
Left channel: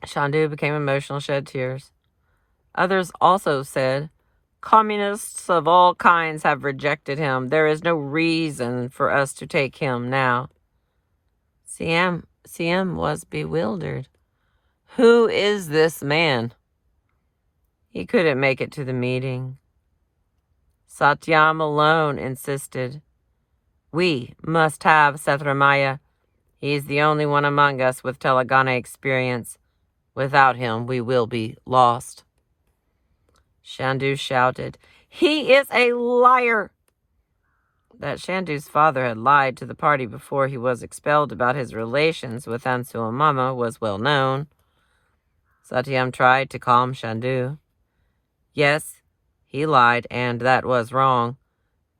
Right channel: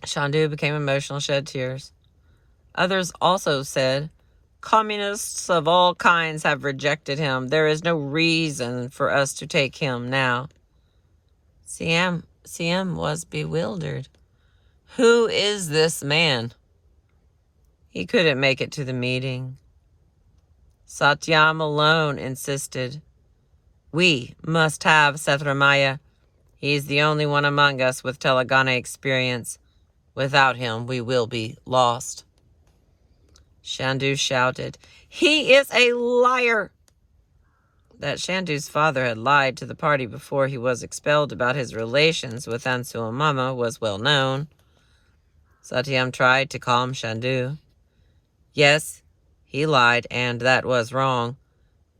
Shandu became emotional, shed tears. Others also said, communists of all kinds have rejected him. There is no reason for us to take him now. CM was bewildered. Who is this man? He couldn't make it to the meeting. Satyam alone insisted. We must have Sathramaya. He is the only one among us with Telangana experience. Without him, we will be lost. Shandu shouted, he is a liar! That Shandu's father had lied to the party before he was expelled about his relations with Ansuamama was well known. Satyam tried to calm Shandu. Yes, he lied, and that was wrong.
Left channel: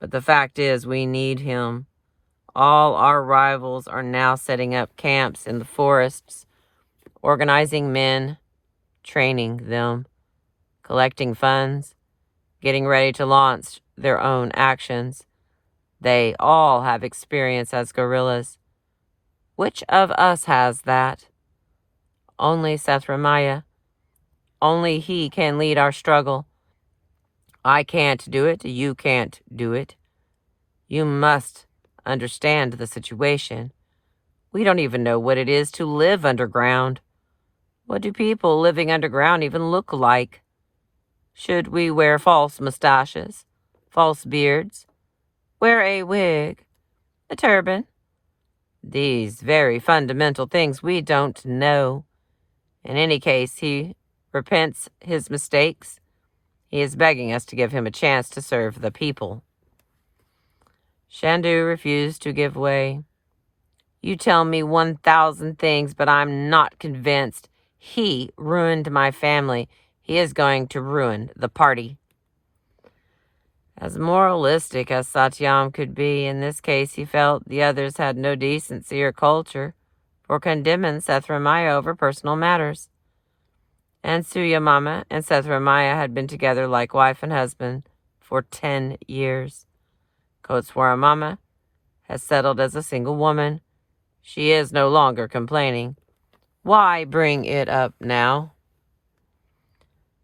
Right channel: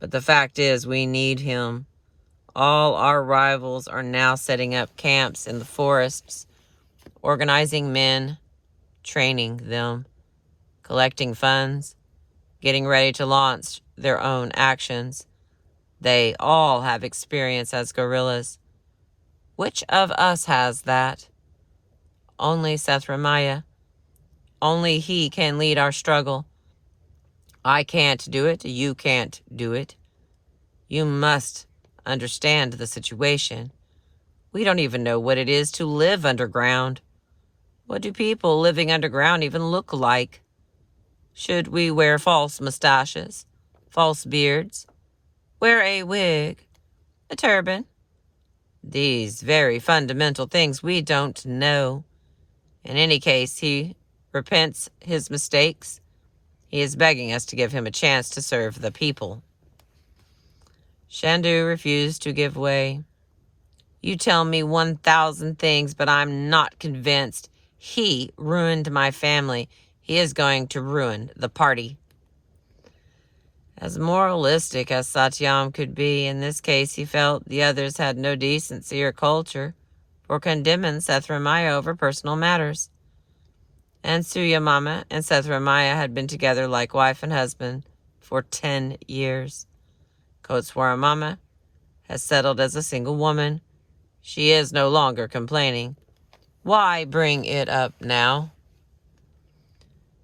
But the fact is, we need him. All our rivals are now setting up camps in the forests, organizing men, training them, collecting funds, getting ready to launch their own actions. They all have experience as guerrillas. Which of us has that? Only Sathramaya. Only he can lead our struggle. I can't do it. You can't do it. You must understand the situation. We don't even know what it is to live underground. What do people living underground even look like? Should we wear false mustaches, false beards, wear a wig, a turban? These very fundamental things we don't know. In any case, he repents his mistakes. He is begging us to give him a chance to serve the people. Shandu refused to give way. You tell me 1,000 things, but I'm not convinced. He ruined my family. He is going to ruin the party. As moralistic as Satyam could be, in this case he felt the others had no decency or culture for condemning Sethramaya over personal matters. And Suyamama and Sethramaya had been together like wife and husband for 10 years. Kotswaramama has settled as a single woman. She is no longer complaining. Why bring it up now?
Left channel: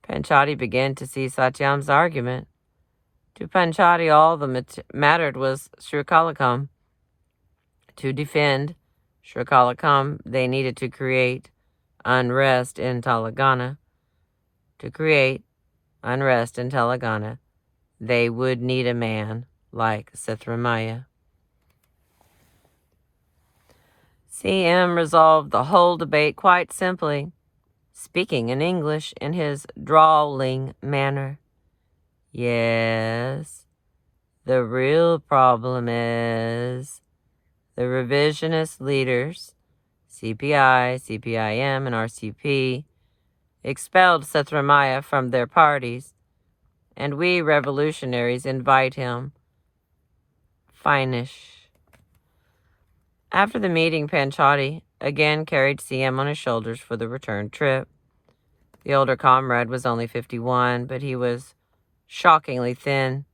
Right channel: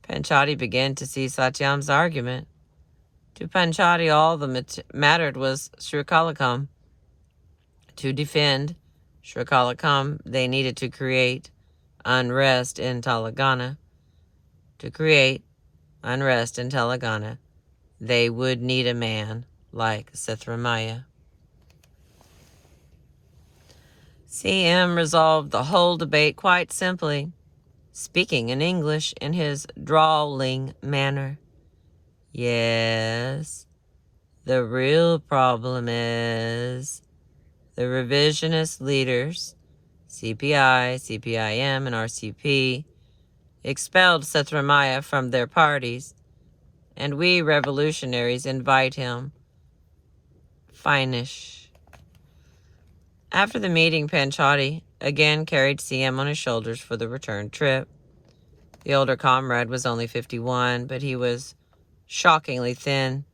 Panchati began to see Satyam's argument. To Panchati, all that mattered was Srikalakam. To defend Srikalakam, they needed to create unrest in Telangana. To create unrest in Telangana, they would need a man like Sithramaya. CM resolved the whole debate quite simply, speaking in English in his drawling manner. Yes, the real problem is the revisionist leaders, CPI, CPIM, and RCP, expelled Sethramaya from their parties, and we revolutionaries invite him. Finish. After the meeting, Panchati again carried CM on his shoulders for the return trip. The older comrade was only 51, but he was shockingly thin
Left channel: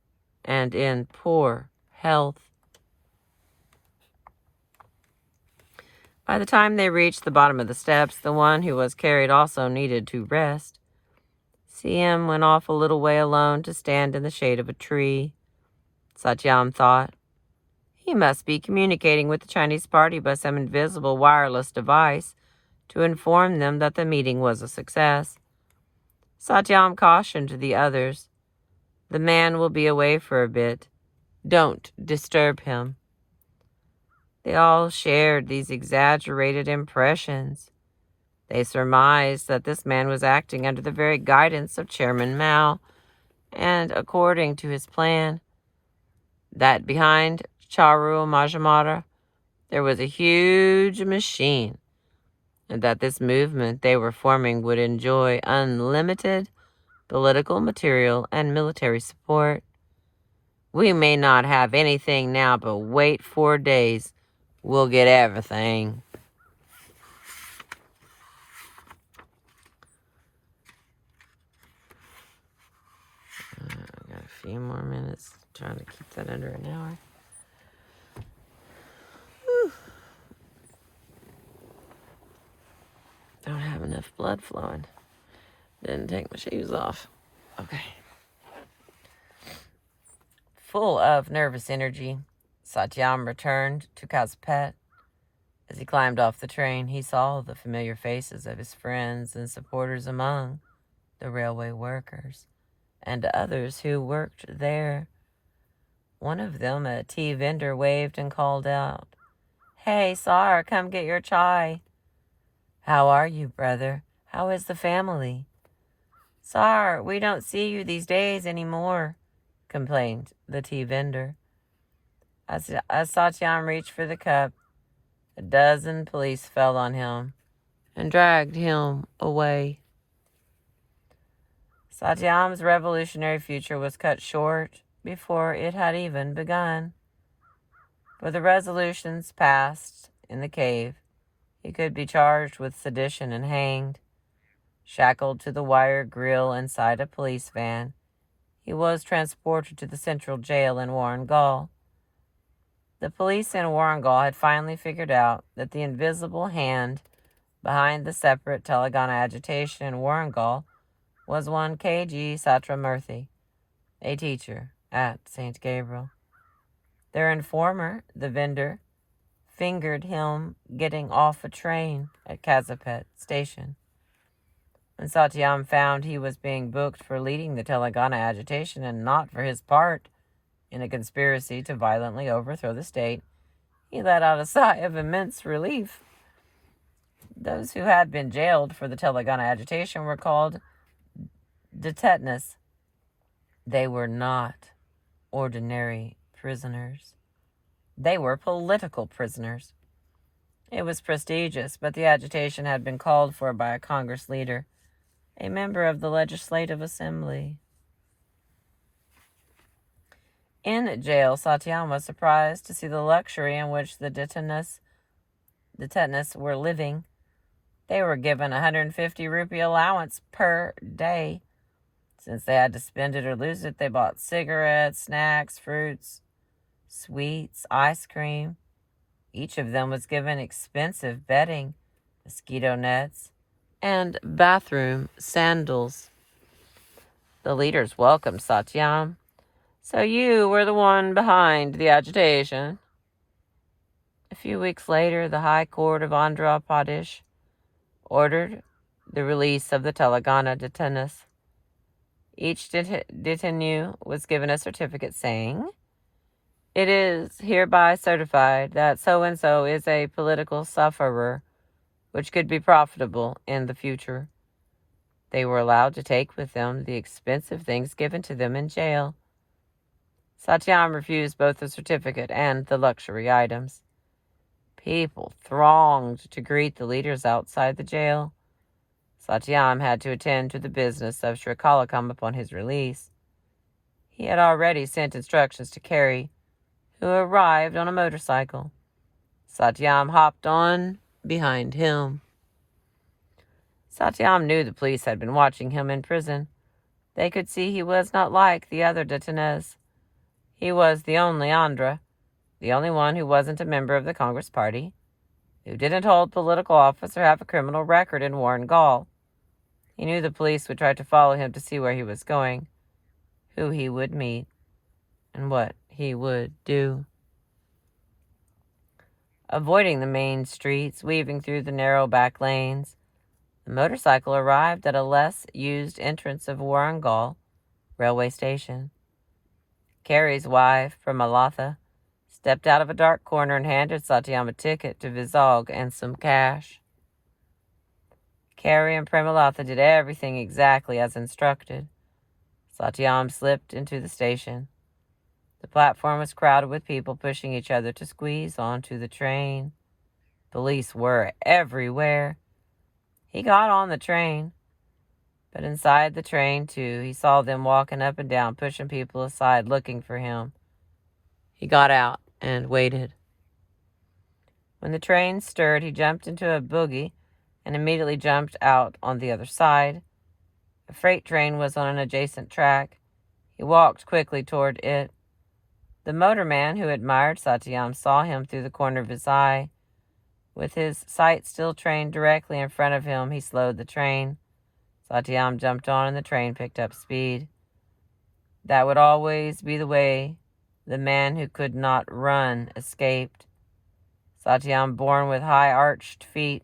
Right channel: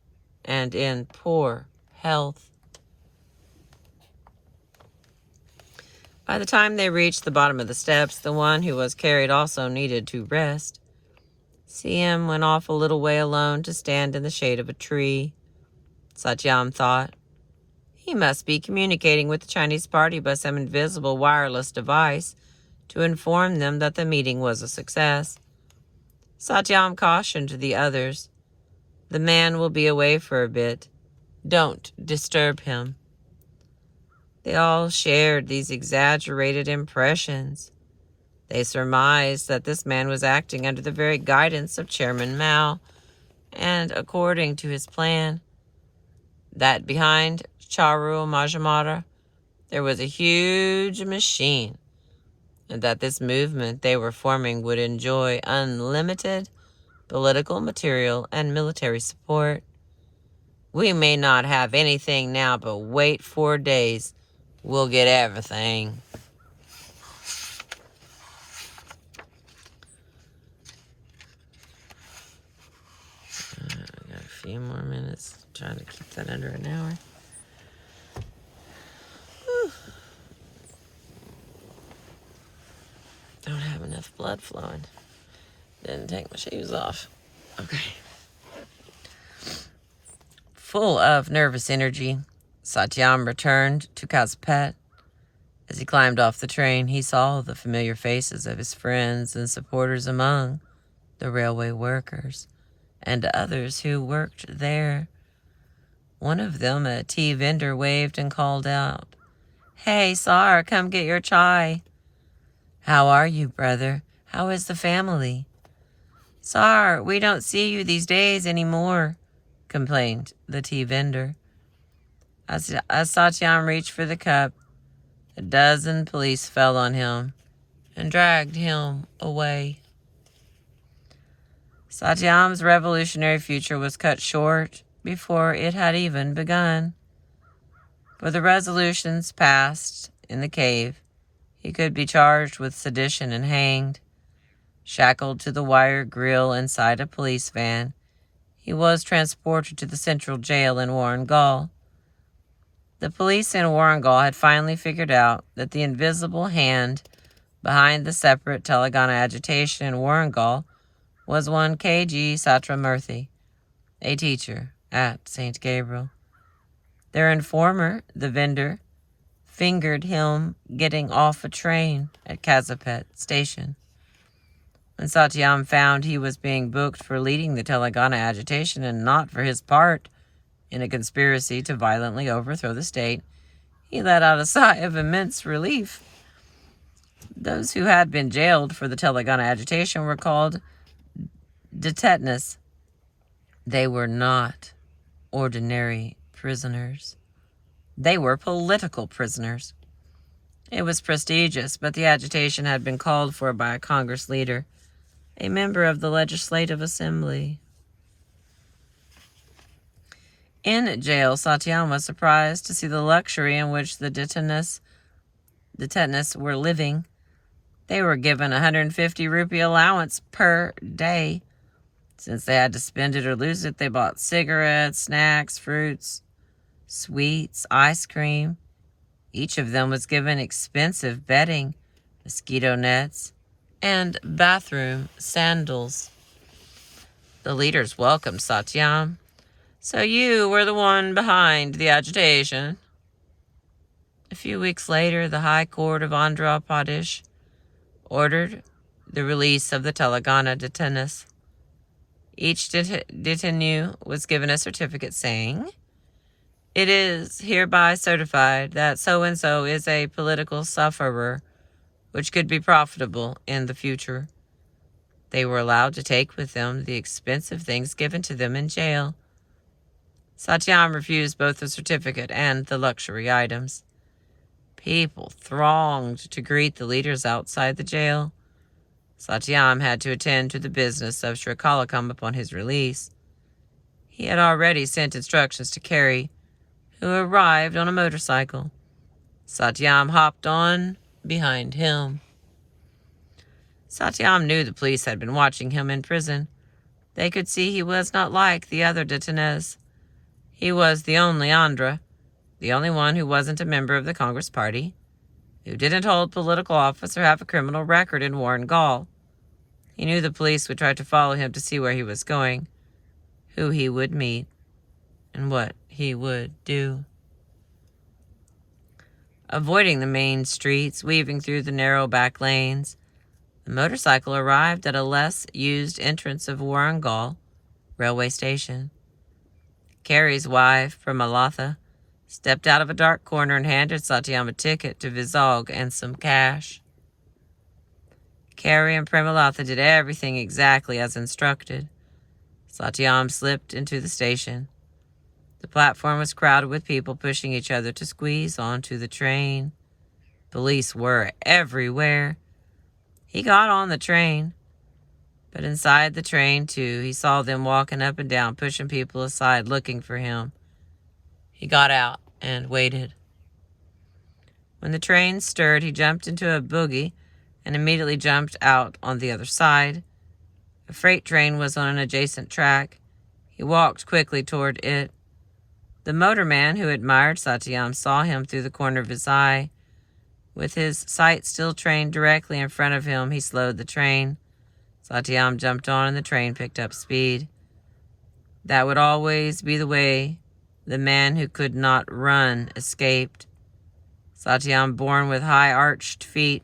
and in poor health. By the time they reached the bottom of the steps, the one who was carried also needed to rest. CM went off a little way alone to stand in the shade of a tree. Satyam thought, he must be communicating with the Chinese party by some invisible wireless device to inform them that the meeting was a success. Satyam cautioned the others, the man will be away for a bit. Don't disturb him. They all shared these exaggerated impressions. They surmised that this man was acting under the very guidance of Chairman Mao, and according to his plan, that behind Charu Majumdar there was a huge machine, and that this movement they were forming would enjoy unlimited political, material, and military support. We may not have anything now, but wait 4 days. We'll get everything. I got a few more minutes. Trying to keep that under an hour. Whew. Don't have enough blood flowing. Didn't take my shoes off. Okay. Full of nervous energy, Satyam returned to Kazipet. As he climbed off the train, he saw the familiar faces of his friends and supporters among the railway workers and others who worked there. One of them, a tea vendor, waved and called out, "Hey, Sar, come get your chai." "How are you, brother? How is the family?" "Sar, we don't see you these days anymore," complained the tea vendor. As Satyam reached for the cup, a dozen police fell on him and dragged him away. Satyam's revolutionary future was cut short before it had even begun. For the resolutions passed in the cave, he could be charged with sedition and hanged. Shackled to the wire grill inside a police van, he was transported to the central jail in Warrangal. The police in Warrangal had finally figured out that the invisible hand behind the separate Telangana agitation in Warrangal was one K.G. Satramurthy, a teacher at St. Gabriel. Their informer, the vendor, fingered him getting off a train at Kazipet station. When Satyam found he was being booked for leading the Telangana agitation and not for his part in a conspiracy to violently overthrow the state, he let out a sigh of immense relief. Those who had been jailed for the Telangana agitation were called detainees. They were not ordinary prisoners. They were political prisoners. It was prestigious, but the agitation had been called for by a Congress leader, a member of the Legislative Assembly. In jail, Satyam was surprised to see the luxury in which the detainees were living. They were given 150 rupee allowance per day. Since they had to spend it or lose it, they bought cigarettes, snacks, fruits, sweets, ice cream. Each of them was given expensive bedding, mosquito nets, and bathroom sandals. The leaders welcomed Satyam. So you were the one behind the agitation. A few weeks later, the High Court of Andhra Pradesh ordered the release of the Telangana detainees. Each detainee was given a certificate saying, "It is hereby certified that so-and-so is a political sufferer which could be profitable in the future." They were allowed to take with them the expensive things given to them in jail. Satyam refused both the certificate and the luxury items. People thronged to greet the leaders outside the jail. Satyam had to attend to the business of Srikalakam upon his release. He had already sent instructions to Carey, who arrived on a motorcycle. Satyam hopped on behind him. Satyam knew the police had been watching him in prison. They could see he was not like the other detainees. He was the only Andhra, the only one who wasn't a member of the Congress Party, who didn't hold political office or have a criminal record in Warangal. He knew the police would try to follow him to see where he was going, who he would meet, and what he would do. Avoiding the main streets, weaving through the narrow back lanes, the motorcycle arrived at a less used entrance of Warangal railway station. Carey's wife, Premalatha, stepped out of a dark corner and handed Satyam a ticket to Vizag and some cash. Carey and Premalatha did everything exactly as instructed. Satyam slipped into the station. The platform was crowded with people pushing each other to squeeze onto the train. Police were everywhere. He got on the train. But inside the train, too, he saw them walking up and down, pushing people aside, looking for him. He got out and waited. When the train stirred, he jumped into a bogie and immediately jumped out on the other side. A freight train was on an adjacent track. He walked quickly toward it. The motorman who admired Satyam saw him through the corner of his eye. With his sight still trained directly in front of him, he slowed the train. Satyam jumped on and the train picked up speed. That would always be the way the man who could not run escaped. Satyam, born with high arched feet,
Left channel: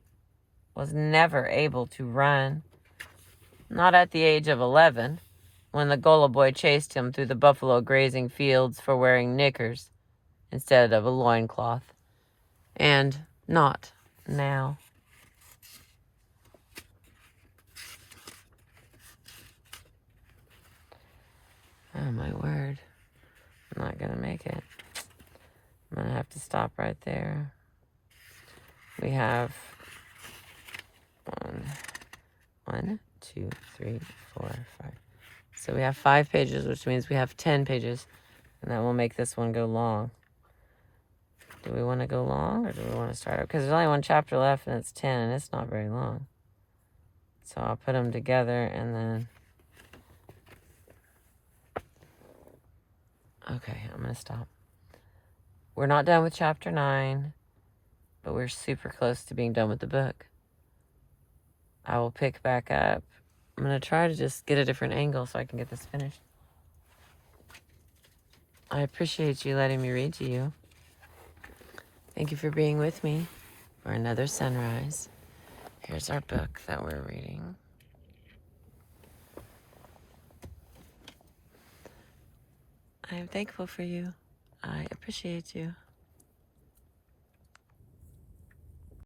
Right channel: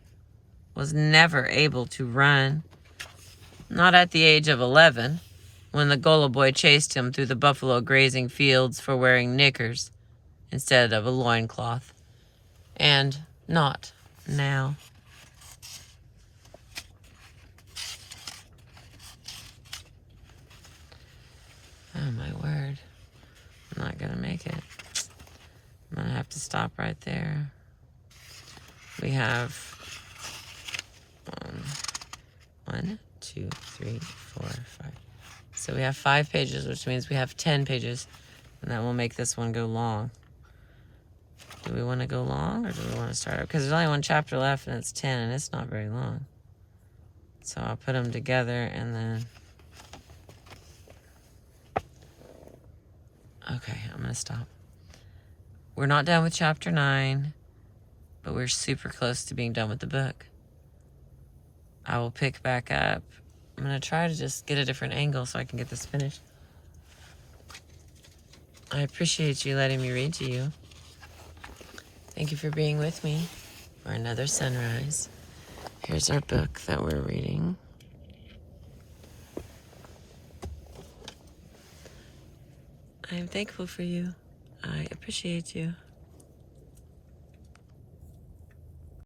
was never able to run. Not at the age of 11, when the Gola boy chased him through the buffalo grazing fields for wearing knickers instead of a loincloth. And not now. Oh my word. I'm not going to make it. I'm going to have to stop right there. We have 1, 2, 3, 4, 5. So we have 5 pages, which means we have 10 pages. And that will make this one go long. Do we want to go long or do we want to start? Because there's only one chapter left and it's 10 and it's not very long. So I'll put them together and then... Okay, I'm going to stop. We're not done with chapter 9, but we're super close to being done with the book. I will pick back up. I'm going to try to just get a different angle so I can get this finished. I appreciate you letting me read to you. Thank you for being with me for another sunrise. Here's our book that we're reading. I am thankful for you. I appreciate you.